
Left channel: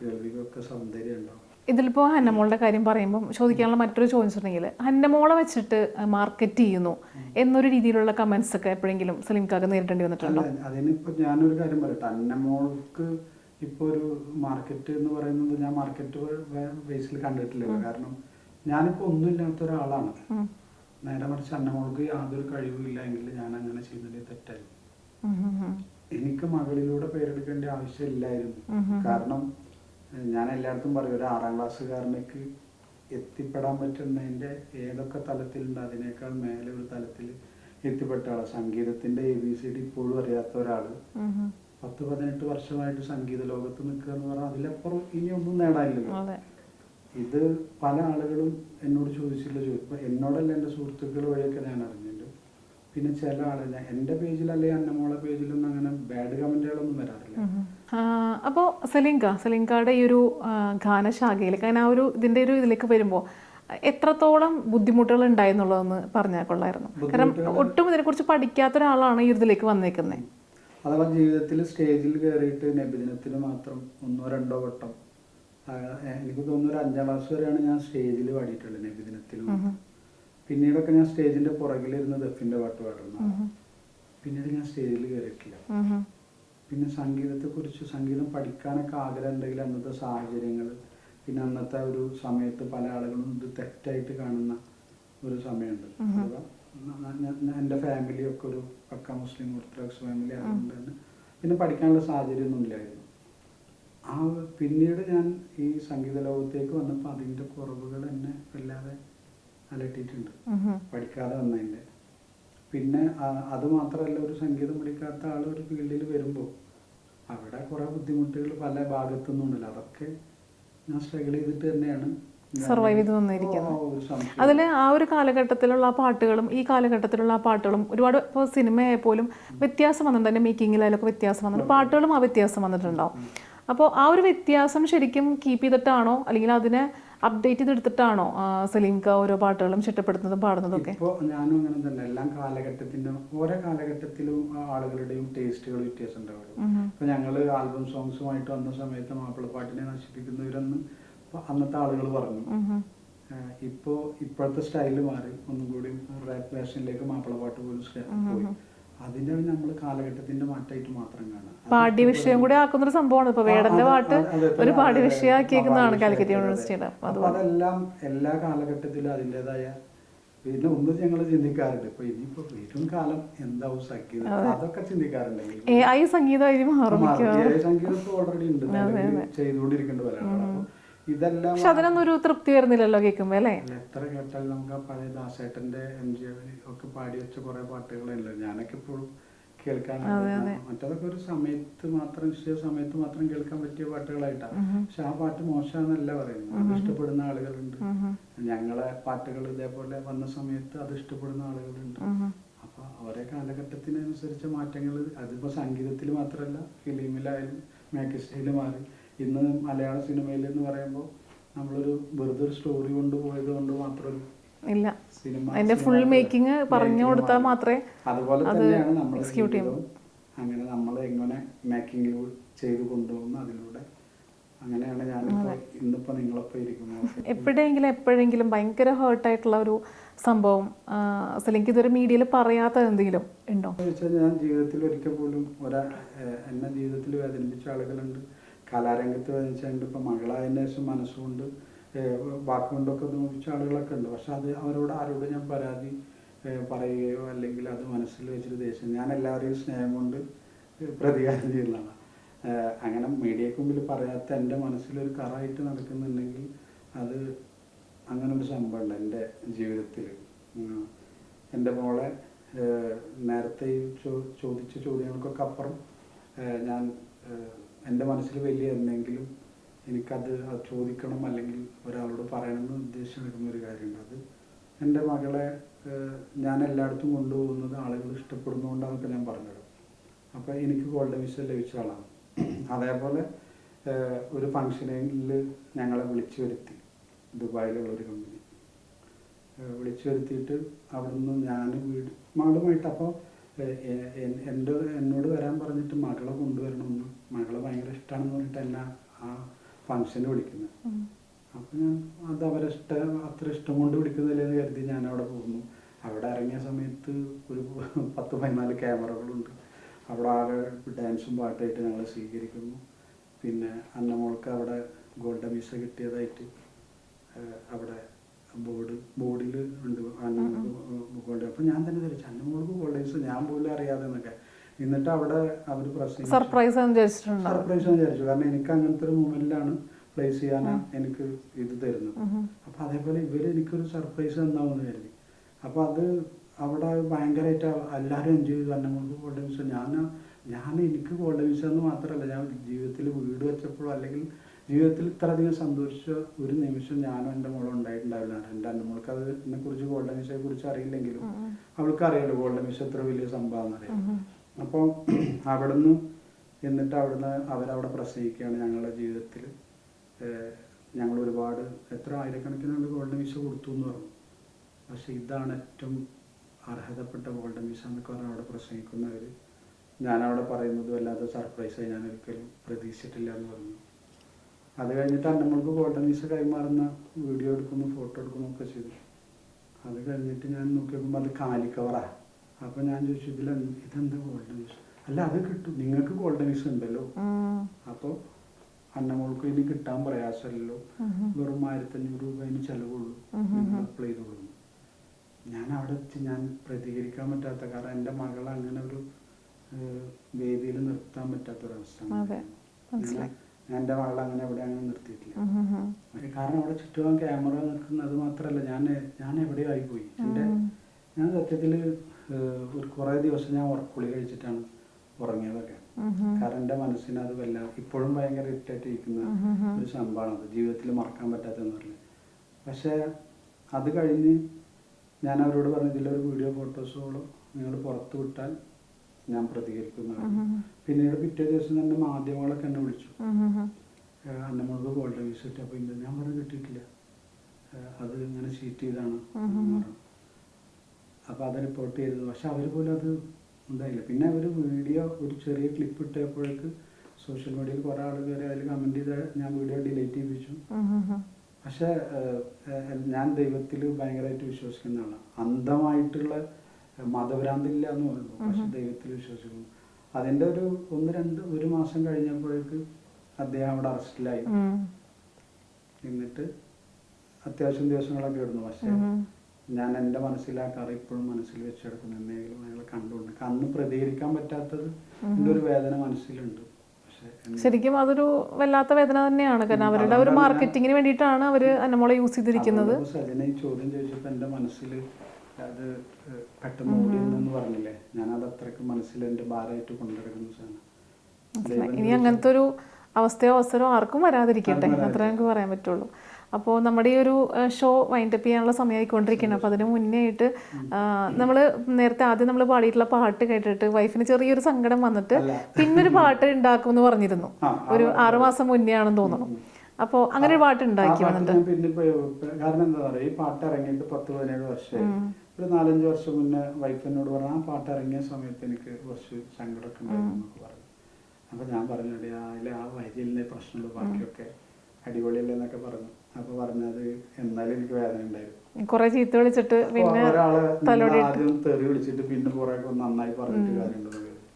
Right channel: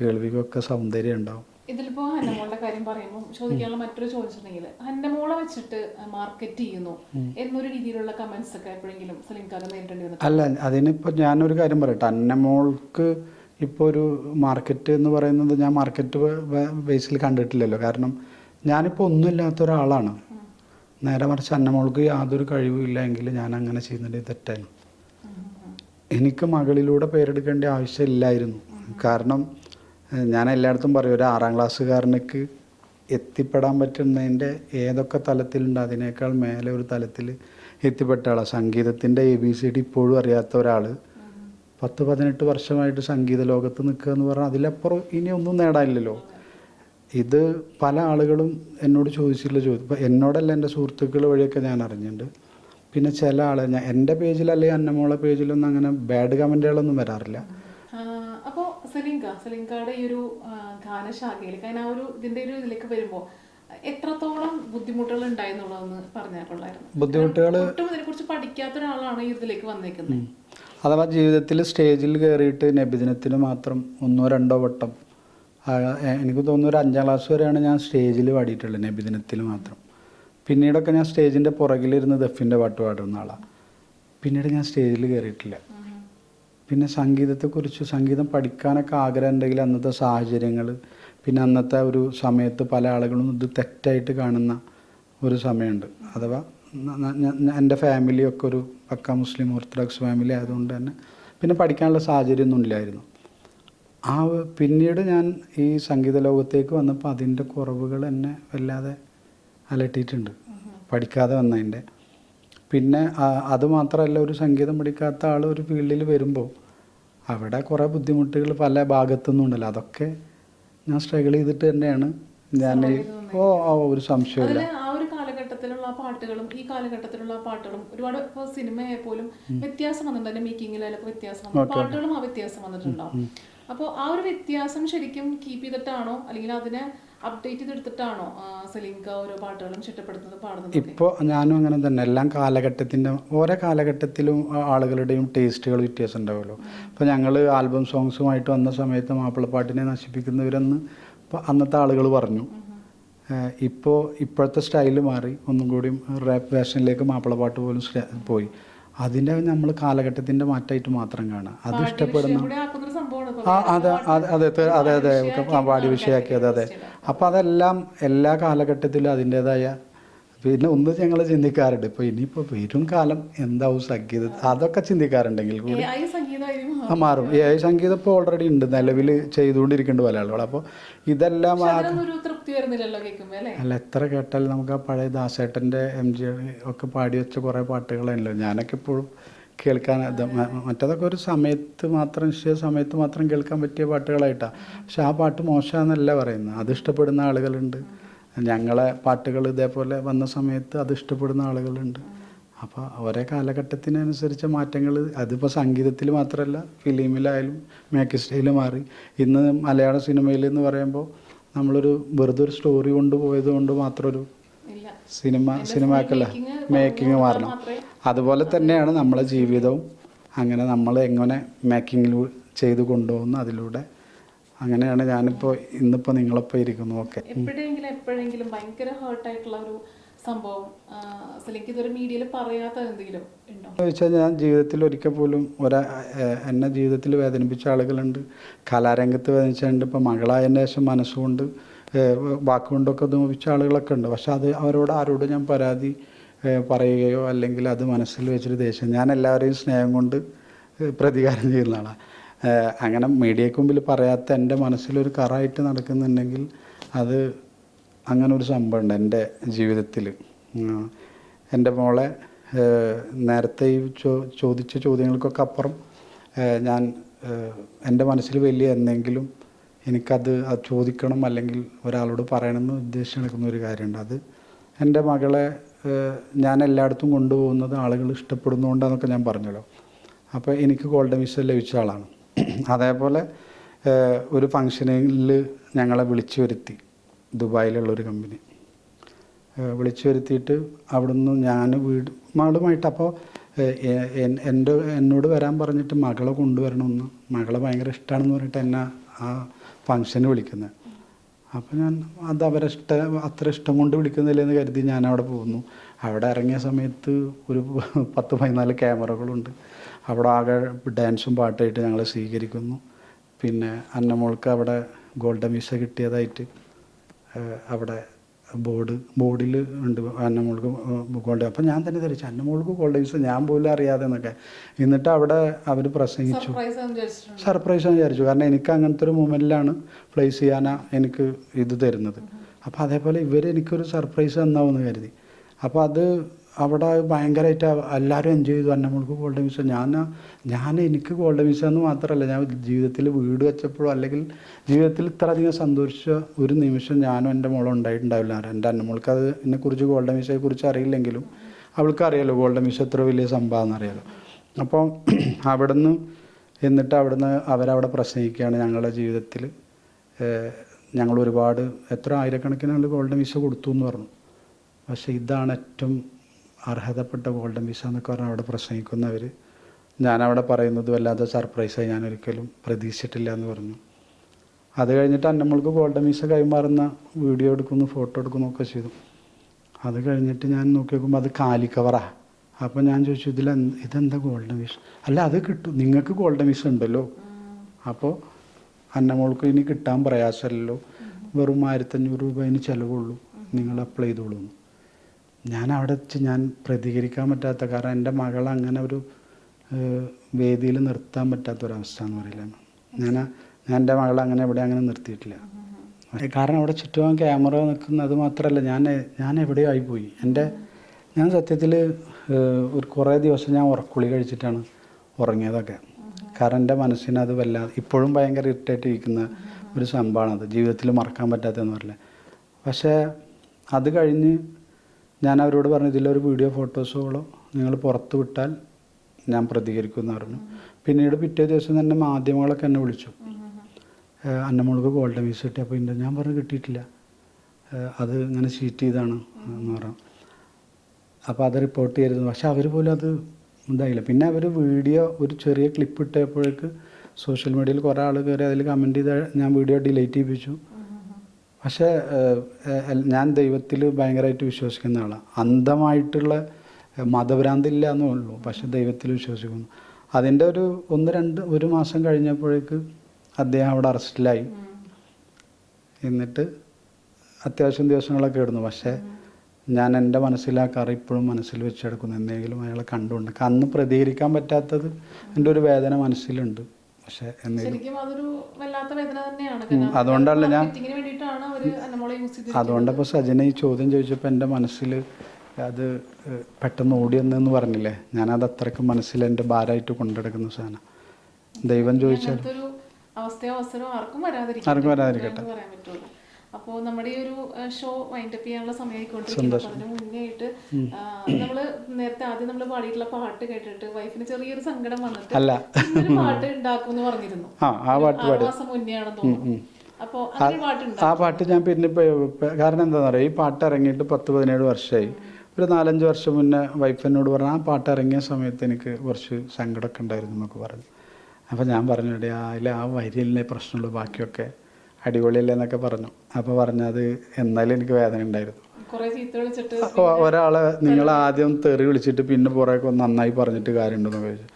കേൾവിക്കും ഒക്കെ സൗന്ദര്യം ഉണ്ടാവും. ഇതിലിപ്പോ ഹന്നമോളുടെ കാര്യം പറയുമ്പോൾ ചോദിക്കാനുള്ള മറ്റൊരു ചോദ്യം വെച്ചിട്ടുണ്ടെങ്കിൽ ഹന്നമോളെ വെച്ചിട്ട് മാർക്കറ്റ് ചെയ്യുന്നു എന്നൊരു രീതിയിലുള്ള കമന്റ്സ് ഒക്കെ എപ്പോഴെങ്കിലും സലീം കാക്ക് നേരിടേണ്ടി വന്നിട്ടുണ്ട്? അല്ല അതിനിപ്പോൾ ഞാനൊരു കാര്യം പറയട്ടെ. അന്നമോൾക്ക് ഇപ്പോൾ ഒരു മാർക്കറ്റ് എന്ന് പറയുന്നത് ഞാൻ മാർക്കറ്റ് ബേസിൽ കണ്ടിട്ടില്ലല്ലോ. കാരണം ഞാനിപ്പോൾ ഒന്നുമില്ലാത്ത ഒരാളാണ്. നേരെ മറിച്ച് അന്നമോൾക്ക് യാതൊരു കഴിവും ഇല്ല എങ്കിൽ ഞാൻ അങ്ങനെ ചെയ്യുന്നത് ഉം. എനിക്ക് മകളിലൂടെ പേരെടുക്കേണ്ട ആവശ്യമില്ലായിരുന്നു കാരണം ഞാൻ എല്ലായിടത്തും പറയും ഒരു ആറാം ക്ലാസ്സുകാരനക്ക് എത്തിപ്പെടാൻ പറ്റുന്നതിന്റെ ഏതൊക്കെ തലത്തിലുണ്ട് അതിനേക്കാൾ മേലെ ഒരു തലത്തിൽ എത്തിപ്പെട്ട ആളാ. സംഗീതത്തിന്റെ എ ബി സി ഡി ഇപ്പോഴും അറിയാത്ത ഒരാൾ. പത്ത് പതിനെട്ട് വർഷമായിട്ട് സംഗീത ലോകത്ത് നിൽക്കുക എന്ന് പറഞ്ഞാൽ അതിലപ്പുറം ഇനി ഒന്നും നേടാനില്ലല്ലോ. ഇത് പല ആളുകളും എന്നോട് ചോദിച്ചിട്ടുള്ള ചോദ്യം. ഇപ്പം എന്നോടല്ല എന്റെ സുഹൃത്തുക്കൾ വഴിയൊക്കെ ഞാൻ അറിഞ്ഞിട്ടുണ്ട്. പിന്നെ ചില ആൾ ഞാൻ എന്റെ പേജിൽ അല്ലെങ്കിൽ അന്നമോളെ പേജിലൊന്നും അങ്ങനെ ബാഡ് കമന്റുകളൊന്നും വരാറില്ല. അപ്പോൾ സലിംക സലിങ്കയുടെ ഈ ഒരു ഗാനശാഖയിൽ കാരണം ആ ഒരു ഇതിന്റെ ഒരു ഇതിലേക്ക് വരുമ്പോൾ എത്രത്തോളം ബുദ്ധിമുട്ടുകൾ ഉണ്ടായിരുന്നുള്ളതെന്ന് പറഞ്ഞാൽ കൊള്ളായിരുന്നു. ഒട്ടും ഇതിനെക്കുറിച്ച് പഠിക്കാത്ത ഒരാളാണ് ഈ ഇതിലേക്ക് വന്നേക്കുന്നത്. അഥവാ ജീവിതത്തിൽ സ്റ്റേജിൽ കയറിയിട്ട് നബിദിനത്തിന് മാത്രം ഒന്നോ രണ്ടോ വട്ടം എനിക്ക് തോന്നുന്നു ഒരു അഞ്ചാം ക്ലാസ് വരെയാണ് ഞാൻ സ്റ്റേജിൽ പാടിയിട്ടുള്ളത് നബിദിനത്തിൽ മാത്രം. പിന്നീടൊക്കെ ഞാൻ സ്റ്റേജിന്റെ പുറകിലിരുന്ന് ദഫിന്റെ പാട്ട് പാടുന്ന ആളാണ് പിന്നീട് ഞാൻ സ്റ്റേജിൽ കയറിയിട്ടില്ല പിന്നെ സംഗീതത്തെക്കുറിച്ച് സംഗീതം പഠിക്കാനൊക്കെ ആഗ്രഹം ഉണ്ടെങ്കിൽ അന്നത്തെ സാഹചര്യങ്ങൾ പിന്നെ അന്നത്തെ ഒരു സമയത്ത് പല ആളുകളും ഇത് തെറ്റായിട്ട് കാണുന്ന ഒരു സമയമുണ്ട്. അഥവാ എന്റെ ഫാമിലിയൊക്കെ ഒരു പക്ക മുസ്ലിം ഓർത്തഡോക്സ് ഫാമിലി ആയതുകൊണ്ട് തന്നെ പിന്നെ പഠിക്കാനുള്ള സാഹചര്യമൊന്നും ഇല്ലായിരുന്നു. ആ പിന്നീട് ഞാൻ ഈ സംഗീത ലോകത്തേക്ക് വന്നപ്പോൾ അതിന്റെ കുറവുകൾ എന്നെ വല്ലാതെ അലട്ടിയിട്ടുണ്ട്. പഠിക്കാതെ വന്നതിന്റെ. പിന്നെ അത് മാത്രമല്ല ഒരു സംഗീതം പഠിക്കാത്ത ആൾ ഒരു ഫീൽഡിൽ വരുമ്പോൾ അവിടെ കുറേ ബുദ്ധിമുട്ടുകൾ പല ഭാഗത്തുനിന്നും ഉണ്ടല്ലോ അതൊക്കെ ഞാൻ സ്ട്രഗിൾ ചെയ്തിട്ട് തന്നെയാണ്. ഒരു സംശയം അതിൽ ആ ഒരു കാലഘട്ടത്തിലുള്ള ആ പാട്ടുകളും ഈ കാലഘട്ടത്തിലുള്ള ആ പാട്ടുകളും ഒരുപാട് ഇപ്പോൾ സിനിമയായ പോലും വ്യത്യാസം വന്നിട്ടുണ്ട്. മേക്കിങ്ങിലായാലൊക്കെ വ്യത്യാസം വന്നു പാട്ടുകളും ആ വ്യത്യാസം വന്നിട്ടുണ്ടാവും. അപ്പോൾ ആ ഒരു വ്യത്യാസം ശരിക്കും കീപ്പ് ചെയ്തിട്ടാണോ അല്ലെങ്കിൽ അതിനെ അപ്ഡേറ്റ് ചെയ്തെടുത്തിട്ടാണോ ആ, സലീം ഓരോ പാട്ടുകളും ചിട്ടപ്പെടുത്തുന്നതും പാടുന്നതും ഇപ്പോൾ ഞാനും അങ്ങനെ തന്നെ എല്ലാം കാലഘട്ടത്തിന്റെ ഓരോ കാലഘട്ടത്തിലും ആളുകളുടെയും ടേസ്റ്റുകൾ വ്യത്യാസം ഉണ്ടാവുമല്ലോ. ഇപ്പോൾ ഞങ്ങൾ ആൽബം സോങ്സുമായിട്ട് വന്ന സമയത്ത് മാപ്പിളപ്പാട്ടിനെ നശിപ്പിക്കുന്നവരെന്ന് ഇപ്പോൾ അന്നത്തെ ആളുകൾ പറഞ്ഞു. ഇപ്പോൾ ഇപ്പോഴത്തെ സ്റ്റൈൽ മാറി. ഒന്നും കൂടി റാപ്പ് വേഷനിലേക്ക് മാപ്പിളപ്പാട്ട് പോലും പോയി. അതിന്റെ നമ്മൾ കാലഘട്ടത്തിന്റെ മാറ്റമായിട്ട് മാത്രം കാണാം. അപ്പൊ അതെല്ലാം എല്ലാ കാലഘട്ടത്തിലും അതിന്റെതായ പിന്നെ ഒന്ന് ഞങ്ങൾ ചിന്തിക്കാറുണ്ട്. ഇപ്പൊ ഇനിയിപ്പോ വരും കാലം എന്താവും സംഗീതം അതൊക്കെ ചിന്തിക്കാറുണ്ടെങ്കിൽ മാറും. സംഗീതം ഇപ്പൊ ഓൾറെഡി ഉണ്ട്. നിലവിൽ ചെയ്തുകൊണ്ടിരിക്കുന്നുണ്ട് പല ആളുകൾ അപ്പോൾ ഇതെല്ലാം അതിനൊന്നും ഒരു തൃപ്തി വരുന്നില്ലല്ലോ അല്ലേ? അല്ല എത്ര കേട്ടാലും നമുക്ക് ആ പഴയ ദാസേട്ടന്റെ എം ജി ഒക്കെ പാടി വെച്ച കുറേ പാട്ടുകളാണല്ലോ. ഞാനൊക്കെ ഇപ്പോഴും കേൾക്കാൻ മറ്റതൊക്കെ ഒരു സമയത്ത് മാത്രം നിശ്ചയ സമയത്ത് മാത്രം കേൾക്കാൻ പറ്റിയ പാട്ടുകളായിട്ടാണ് പക്ഷെ ആ പാട്ട് മോശമാണെന്നല്ല പറയുന്നത്. അത് ഇഷ്ടപ്പെടുന്ന ആളുകളുണ്ട്. ഞങ്ങളെ പാട്ടുകൾ ഇതേപോലെ വന്ന സമയത്ത് അത് ഇഷ്ടപ്പെടുന്ന ആളുകളുണ്ട്. അപ്പോൾ ഓരോ കാലഘട്ടത്തിനനുസരിച്ച മാറ്റങ്ങൾ അതിപ്പോൾ സംഗീതത്തിൽ മാത്രമല്ല ഫിലിമിലായാലും മേക്ക് സ്റ്റൈൽ മാറി. ഇന്ന് മലയാള സിനിമയിൽ എന്ന് പറയുമ്പോൾ നമ്മളൊരു വെറുതെ ഒരു സ്റ്റോറി കൊണ്ടുപോയത് കൊണ്ട് മാത്രം ഒരു സിനിമ സിനിമ മേക്കിംഗ് മാറി അതുപോലെ തന്നെയാണ് നമ്മളെ ജീവിതവും. അങ്ങനെ നമ്മൾ എങ്ങനെ മേക്കിംഗിൽ ചെയ്ത് കൊണ്ടുപോകുന്നു അതിലൂടെ. അങ്ങനെയാണ് ഞാനിപ്പോൾ ഇന്നിപ്പോൾ നിങ്ങളൊപ്പം ഇരിക്കുന്നു. ഓക്കെ. എപ്പോഴെങ്കിലും എപ്പോഴെങ്കിലും ഭയങ്കര ഹേർട്ടായിട്ടുള്ള ഒരു സംഭവം എനിക്ക് ഇതൊരു മീഡിയയിൽ പറയാത്ത എന്തെങ്കിലും ഉണ്ടോ? ചോദിച്ചാൽ ഞാൻ ജീവിതത്തിൽ ഒരിക്കൽ പോലും ഒരാ എന്നെ ജീവിതത്തിൽ വേദനിപ്പിച്ച ആളുകളുണ്ട്. കലാരംഗത്ത് വേദനിച്ചിട്ടുണ്ട് ഇപ്പം മകളായതിന് ശേഷം മനസ്സുകൊണ്ട് വാക്കുകൊണ്ടൊക്കെ നോവിച്ച ആളുകളൊക്കെ ഉണ്ട്. പക്ഷെ അത് അവരോട് ആരോടും ഞാൻ പരാതി പറയുകയോ അല്ലെങ്കിൽ അത് മനസ്സിൽ വെച്ചൊരു ദേഷ്യം. ഞാൻ എല്ലാവരെയും സ്നേഹം കൊണ്ട് പ്രതികാരം ചെയ്യുന്ന ആളാണ് അങ്ങനെ മീഡിയയ്ക്ക് മുമ്പിൽ പറയാത്ത എന്റെ മനസ്സിലൊരു കറായിട്ട് നടക്കുന്നുണ്ടെങ്കിൽ അത് അങ്ങനെ ഒരു സംഭവമുണ്ട് എന്റെ ജീവിതത്തിൽ. എന്റെ മോളെ നേരത്തെ ഈ ചോ ചോദിച്ച ചോദ്യങ്ങൾക്കൊക്കെ അപ്പുറം ഞാൻ എന്റെ മനസ്സിൽ വലിയ എന്തെങ്കിലും എനിക്കത് അത് ചോദിക്കണം അല്ലെങ്കിൽ ഒരാളോട് പറയണമെന്ന് ഉദ്ദേശിച്ച് നടക്കുന്ന ഒരു കാര്യമുണ്ട്. അത് എന്റെ മകളെ ഞാൻ എല്ലായിടത്തും കൊണ്ടുപോകുന്നത് ആളുകൾ ഇഷ്ടപ്പെടുന്നുകൊണ്ടാന്നൊക്കെ ഞാൻ പറഞ്ഞല്ലോ. അപ്പോൾ എനിക്ക് ഗോൾഡൻ വിസ ലഭിച്ച ആളാണ്. അതേപോലെ ഒരു ഫങ്ഷനിൽ ഞങ്ങളെ വിളിച്ചു വരുത്തി. ദുബായിലുള്ള ഒരു കമ്പനി. വിളിച്ചു വരുത്തിയിട്ട് അവിടുന്ന് ഞാൻ വീട് മകളുമായിട്ട് അപ്പോൾ എന്റെ എന്നോട് വരാൻ പറഞ്ഞിട്ട് മകളെ കൊണ്ടുവരണമെന്ന് മകളെ ഭയങ്കര ഇഷ്ടമാണെന്ന് പറഞ്ഞിട്ട് എന്നെ ആ ഫങ്ഷന് വിളിക്കുന്നത് അപ്പോൾ ഞാൻ അത് അവരെ ഇഷ്ട അത്ര ഇഷ്ടം കൊണ്ട് വിളിക്കുന്നില്ലെന്ന് കരുതി ഞാൻ അവിടെ പോകുന്നു അവിടെ ഇറങ്ങിയ സമയത്ത് ഒരു പത്ത് പതിനാല് ക്യാമറകളുണ്ട്. അവിടെ ആകെ ഡാൻസും പാട്ടായിട്ട് ഞങ്ങളെ സ്വീകരിക്കുന്നു. പിന്നെ അന്നമോൾക്ക് അവിടെ ഗോൾഡൻ വിസ കിട്ടിയതായിട്ട് അവിടെ ബോർഡ് ബോർഡിൽ ഉണ്ട് അന്നമോൾക്ക് ഗോൾഡ്. അപ്പം ഞാൻ തന്നെ ധരിച്ചു. അന്നമോൾക്ക് ഗോൾഡൻ വിസ ഞാൻ പോലും അറിയാതെ എന്നൊക്കെ എന്നിട്ട് അവിടെ അവർ പ്രസംഗിച്ചു. സർപ്രൈസ് എന്ന് വിചാരിച്ചു. കാരണം എനിക്ക് അങ്ങനത്തെ ഒരു മൂമെന്റിലാണ് പ്ലേസ് ചെയ്യാനാ എനിക്ക് ഇത് തരുന്നത്. അപ്പോൾ അതേപോലെ ഇവർ എനിക്കൊരു സർപ്രൈസ് തന്നാവെന്ന് കരുതി. അപ്പോൾ അത് അവിടെ ഭയങ്കരമായിട്ട് എല്ലാവരും എൻജോയ് ചെയ്തു. അന്നമ്മൾക്ക് ഗോൾഡൻ വിസ ഞാൻ ഞാൻ എനിക്ക് ഗോൾഡൻ വിസ എന്ന് മാത്രമല്ല ഞാൻ ജീവിതത്തിൽ വീട് വെച്ചപ്പോഴോ അല്ലെങ്കിൽ ജീവിതത്തിൽ ഇത്രയധികം സന്തോഷിച്ച ഒരു നിമിഷം ഞാനും എന്റെ മോളും ഉണ്ടായിട്ടുണ്ടാവില്ല. എന്റെ അന്നമ്മൾക്ക് അത് എന്നെക്കുറിച്ച് ഗോൾഡൻ വിസയെ കുറിച്ച് അറിയില്ലെങ്കിലും അവൾക്ക് അറിയാലോ ഗോൾഡൻ വിസ എത്ര വലിയ സംഭവം അറിയാലോ. അപ്പോൾ അവിടുന്ന് എന്നിട്ട് അവിടുന്ന് അവരവിടെ പ്രസംഗിക്കുകയാണ് ഞങ്ങളുടെ ജീവിതത്തിൽ. ഞങ്ങൾ ഒരുപാട് എത്ര ആയിരക്കണക്കിന് ഗോൾഡൻ വിസ കൊടുത്തു എന്ന് പറഞ്ഞു. പക്ഷേ ഇതാണ് ഏറ്റവും അർഹതപ്പെട്ട ഗോൾഡൻ വിസ എന്നൊക്കെ പറഞ്ഞാൽ അവിടെ പ്രസംഗിക്കുന്നവർ ഞാനവിടെ പറയുന്നത് വല്ലാതെ സർപ്രൈസായി ഞാൻ ഒരിക്കലും പ്രതീക്ഷിച്ചിട്ടില്ല എന്ന് പറഞ്ഞു. അത് കഴിഞ്ഞിട്ട് അന്നമ്മൾക്ക് ഗോൾഡൻ വിസ കൈമാറുന്ന വീഡിയോ എടുക്കുന്നു ഫോട്ടോ എടുക്കുന്നു ഒക്കെ ചെയ്തു. അത് കഴിഞ്ഞിട്ട് ഞാൻ നോക്കി നോക്കുമ്പോൾ അത് കാലി കവറാ. അപ്പോൾ ഞാൻ ചോദിച്ചു ഇതിൽ ഇതെന്താ ഗോൾഡൻ വിസ? അല്ല അത് കിട്ടും. നിങ്ങൾക്ക് ഗോൾഡൻ വിസ ഉണ്ടല്ലോ. അപ്പോൾ അന്നമോൾക്ക് ഇനി കിട്ടാൻ പ്രയാസമല്ലല്ലോ. വെറും ആയിരത്തഞ്ഞൂറ് രൂപ ഇനി ചിലവുള്ളൂ. നിങ്ങൾ അപ്ലൈ ചെയ്തോളൂ. ഞാൻ അവിടെ വെച്ച് ഞാൻ പ്രതികരിക്കാൻ പറ്റാത്ത കാരണം എന്റെ മകൾ അങ്ങനെ ഒരു വേദിയിൽ നിർത്താൻ പറ്റാത്തൊരവസ്ഥ എന്ന് പറയുന്നത് ഞാൻ ഞാൻ എന്റെ മകൾ അങ്ങനെ എവിടെ അങ്ങനെ നിർത്തിയിട്ടില്ല. കാരണം അവിടെ ചുറ്റും ക്യാമറ നിൽക്കുന്നത് മാത്രമല്ല ഞാൻ ഞാൻ എവിടെയോ ആയിപ്പോയി എന്റെ ഞാൻ സത്യത്തിൽ ഒരു കുറേ ദിവസം ഞാൻ ഉറക്കുളി കഴിച്ചിട്ടാണ് ഉറങ്ങിയതൊക്കെ. കാരണം എന്റെ മനസ്സിന് അത് വല്ലാതെ ഇപ്പോഴും ഭയങ്കര ഇറിറ്റേറ്റ് ഇരിക്കുന്ന ഒരു സംഭവമാണത്. ജീവിതത്തിൽ മറക്കാൻ പറ്റാത്തതെന്ന് പറഞ്ഞില്ല പക്ഷേ അത് കഴിഞ്ഞ് ഞാൻ അവരോട് പറഞ്ഞു ഇതിലൊരു വീഡിയോ ഫോട്ടോസുകളോ നിങ്ങൾ പുറത്ത് വിട്ടാൽ ഞാൻ പ്രതികരിക്കുമെന്ന് പറഞ്ഞു. പിന്നീട് പിറ്റേ ദിവസം തന്നെ മാധ്യമങ്ങളൊക്കെ എന്നെ വിളിച്ചു. അന്നമോൾക്ക് ഗോൾഡൻ വിസ കിട്ടി അപ്പോൾ ഇല്ല ഞാൻ പറഞ്ഞു കിട്ടിയിട്ടില്ല. അത് ഇങ്ങനെ ചീറ്റ് ചെയ്താണ് എന്ന് പറഞ്ഞു. അപ്പോൾ അത് റിപ്പോർട്ട് ചെയ്തിരുന്നു. പക്ഷെ അവർ പോലും അത് ഇതായില്ല. പിന്നെ അവർ വീഡിയോ ഒരു ചെറിയ ക്ലിപ്പ് ഇട്ടപ്പോഴേക്ക് സോഷ്യൽ മീഡിയയിൽ കുറേ ആൾ കയറി അതിൽ കമന്റ് ചെയ്ത് ഞാൻ വീഡിയോ ഡിലീറ്റ് ചെയ്യിപ്പിച്ചു. പക്ഷേ ഞാൻ ദൈവത്തിൽ ഭയങ്കരമായിട്ട് വിശ്വസിക്കുന്ന ആളാണ് അന്ധമായിട്ടുള്ള മതഭ്രാന്തില്ല എന്നേ ഉള്ളൂ. പക്ഷെ ദൈവത്തിൽ വിശ്വസിക്കുന്നു. അതിന്റെ ഒരു ഒന്ന് രണ്ട് ഒരു മാസം കഴിഞ്ഞപ്പോഴേക്ക് അദ്ദേഹം അവിടെ അറസ്റ്റിലായി. എന്നിട്ട് അത്യാവശ്യം ദിവസങ്ങളൊക്കെ ഇടുന്നു പക്ഷേ ഞാൻ എന്റെ മനസ്സിലാക്കാറ് ഇപ്പോഴും മനസ്സിൽ വെച്ചെടുക്കുന്നു എന്തെങ്കിലും അയാളെ കണ്ടുകൊണ്ട്. അന്ന് പ്രതികരിക്കാൻ പറ്റാത്തത് എന്റെ ഒരു വേദന മനസ്സിലുണ്ട്. പക്ഷേ ശരിക്കും അതൊരു വല്ലാത്ത വേദന തന്നെയാണ്. കാരണം അവരുടെ മാർക്കറ്റിങ്ങിന് വേണ്ടിയിട്ടാണ് അവർ അന്നമോളെ യൂസ് ചെയ്തിരിക്കുന്നത്. അതുകൊണ്ട് സജന ഈ ചോദ്യം ചോദിച്ചപ്പോൾ എന്റെ മനസ്സിൽ അത് പെട്ടെന്ന് ഓടിയെന്ന് പറഞ്ഞില്ലേ? ഞാനത് അത്രയ്ക്ക് മനസ്സിൽ എന്റെ ഭാരമായിട്ട് കൊണ്ടെടുക്കുന്ന സാധനം. ദൈവം ചോദിച്ചു അങ്ങനത്തെ ഒരു അവസ്ഥയോ അവസരമോ ആർക്കും വരാതിരിക്കട്ടെ. പറയാൻ പറ്റുള്ളൂ. അപ്പോൾ നമ്മുടെ ഈ ഒരു ഷോ വൈൻഡപ്പ് ചെയ്യാനുള്ള സമയമായിക്കൊണ്ടിരിക്കുന്നത് അപ്പോൾ അതിന് മുന്നേ ആയിട്ട് നമ്മൾ നേരത്തെ ആദ്യം നമ്മൾ പാടിയിട്ടുള്ള പാട്ട് കേട്ടിട്ട് വൈഫിന് ചെറിയൊരു സങ്കടം വന്നിട്ട്. പിന്നൊരു പാട്ട് ഉണ്ടാക്കുമെന്ന് പറഞ്ഞിരുന്നു. ഒരു ആറുമാസം മാസം മുന്നേ ആണെന്ന് തോന്നുന്നു. അപ്പോൾ അങ്ങനെ ഒരു പാട്ട് ആ പാട്ട് ഞാൻ പിന്നെ കാരണം എന്താന്ന് പറയാ ഈ പാട്ട് ഇറങ്ങിയിട്ട് പത്ത് പതിനേഴ് വർഷമായി. ഒരു നാലഞ്ച് വർഷം മുന്നേ വൈഫ് എന്നോട് പറഞ്ഞു ആ പാട്ട് ഇറങ്ങിയ സമയത്ത് എനിക്ക് കുറച്ച് സങ്കടമൊക്കെ ഉണ്ടായിരുന്നു എന്നൊക്കെ പറഞ്ഞു. അപ്പോൾ ഞാൻ പറഞ്ഞു അതിൽ ആ വരിയിലെ പ്രശ്നമുള്ളൂ ബാക്കിയൊക്കെ. അടിപൊളിയല്ലേ എന്നൊക്കെ പറഞ്ഞു. അപ്പോൾ പറഞ്ഞത് എന്നാലും എനിക്ക് വേദന ഉണ്ടായിരുന്നു അപ്പൊ ചീത്ത വിളിച്ചിട്ട് ഒരാൾ നിങ്ങൾ ആദ്യം തെറി വിളിച്ചിട്ട് പിന്നെ പുറകെ നന്നായി പറഞ്ഞിട്ട് കാര്യമുണ്ടെന്ന് ചോദിച്ചു.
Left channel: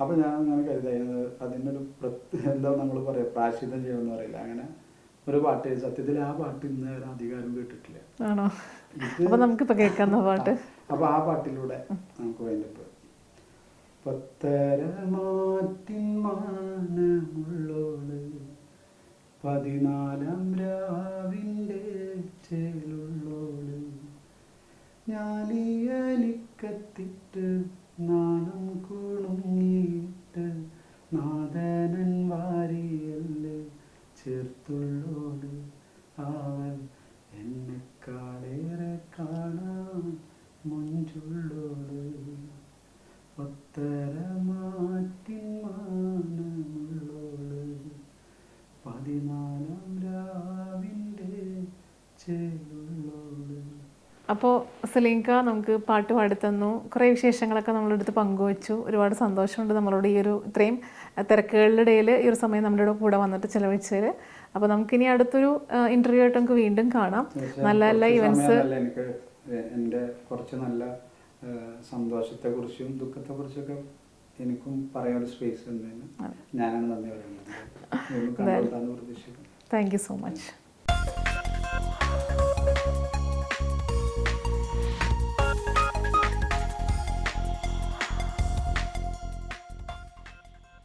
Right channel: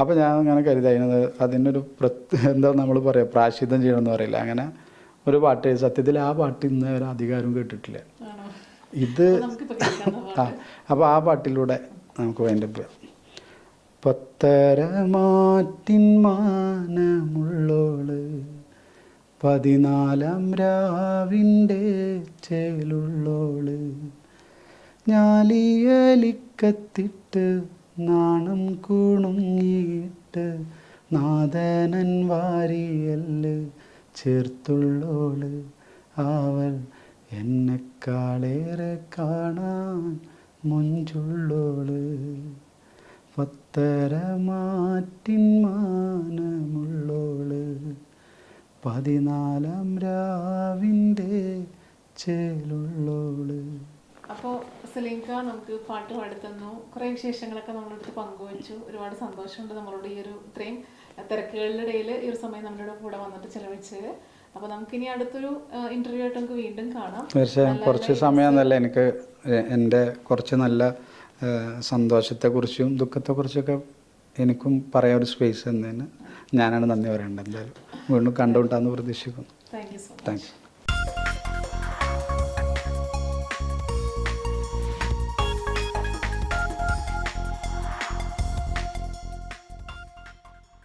അപ്പോൾ ഞാൻ അങ്ങനെ കരുതി അതിനത് അതിനൊരു പ്രത്യ എന്താ നമ്മൾ പറയാ പ്രാശിദ്ധം ചെയ്യണമെന്ന് പറയില്ല. അങ്ങനെ ഒരു പാട്ട് സത്യത്തിൽ ആ പാട്ട് ഇന്ന് ഒരു അധികാരം കേട്ടിട്ടില്ല. ഇത് അപ്പോൾ ആ പാട്ടിലൂടെ നമുക്ക് വേണ്ട പത്തരമാറ്റിൻ മാനമുള്ളോൾ പതിനാലാം രാവിന്റെ ചേലുള്ളോൾ ഞാലിയലിക്കത്തിട്ട് നാണം കുണുങ്ങിയിട്ട് നാദനൻ വാരിയൽ ചേർത്തുള്ളോൾ. അവൾ എന്നെക്കാളേറെ കാണാൻ മുഞ്ചുള്ളോൾ. പത്തരമാറ്റിൻ മാനമുള്ളോൾ പതിനാലാം രാവിന്റെ ചേലുള്ളോൾ. അപ്പോൾ സലീംക നമുക്ക് പാട്ട് പാടിത്തന്നു കുറേ വിശേഷങ്ങളൊക്കെ നമ്മളെടുത്ത് പങ്കുവച്ചു. ഒരുപാട് സന്തോഷമുണ്ട് നമ്മളോട് ഈ ഒരു ഇത്രയും തിരക്കുകളുടെ ഇടയിൽ ഈ ഒരു സമയം നമ്മുടെ കൂടെ വന്നിട്ട് ചിലവഴിച്ചത് അപ്പോൾ നമുക്കിനി അടുത്തൊരു ഇന്റർവ്യൂ ആയിട്ട് നമുക്ക് വീണ്ടും കാണാം. നല്ല നല്ല എനിക്ക് എന്റെ കുറച്ച് നല്ല സന്തോഷത്തെക്കുറിച്ചും ദുഃഖത്തെക്കുറിച്ചൊക്കെ എനിക്കും പറയാൻ ഒരു സ്പേസ് തന്നതിന് ഞാനാണ് നന്ദി പറയേണ്ടത്. എന്തായാലും വീണ്ടും കണ്ടുകൊണ്ടാന്ന് പ്രതീക്ഷിക്കുന്നു. Thank you so much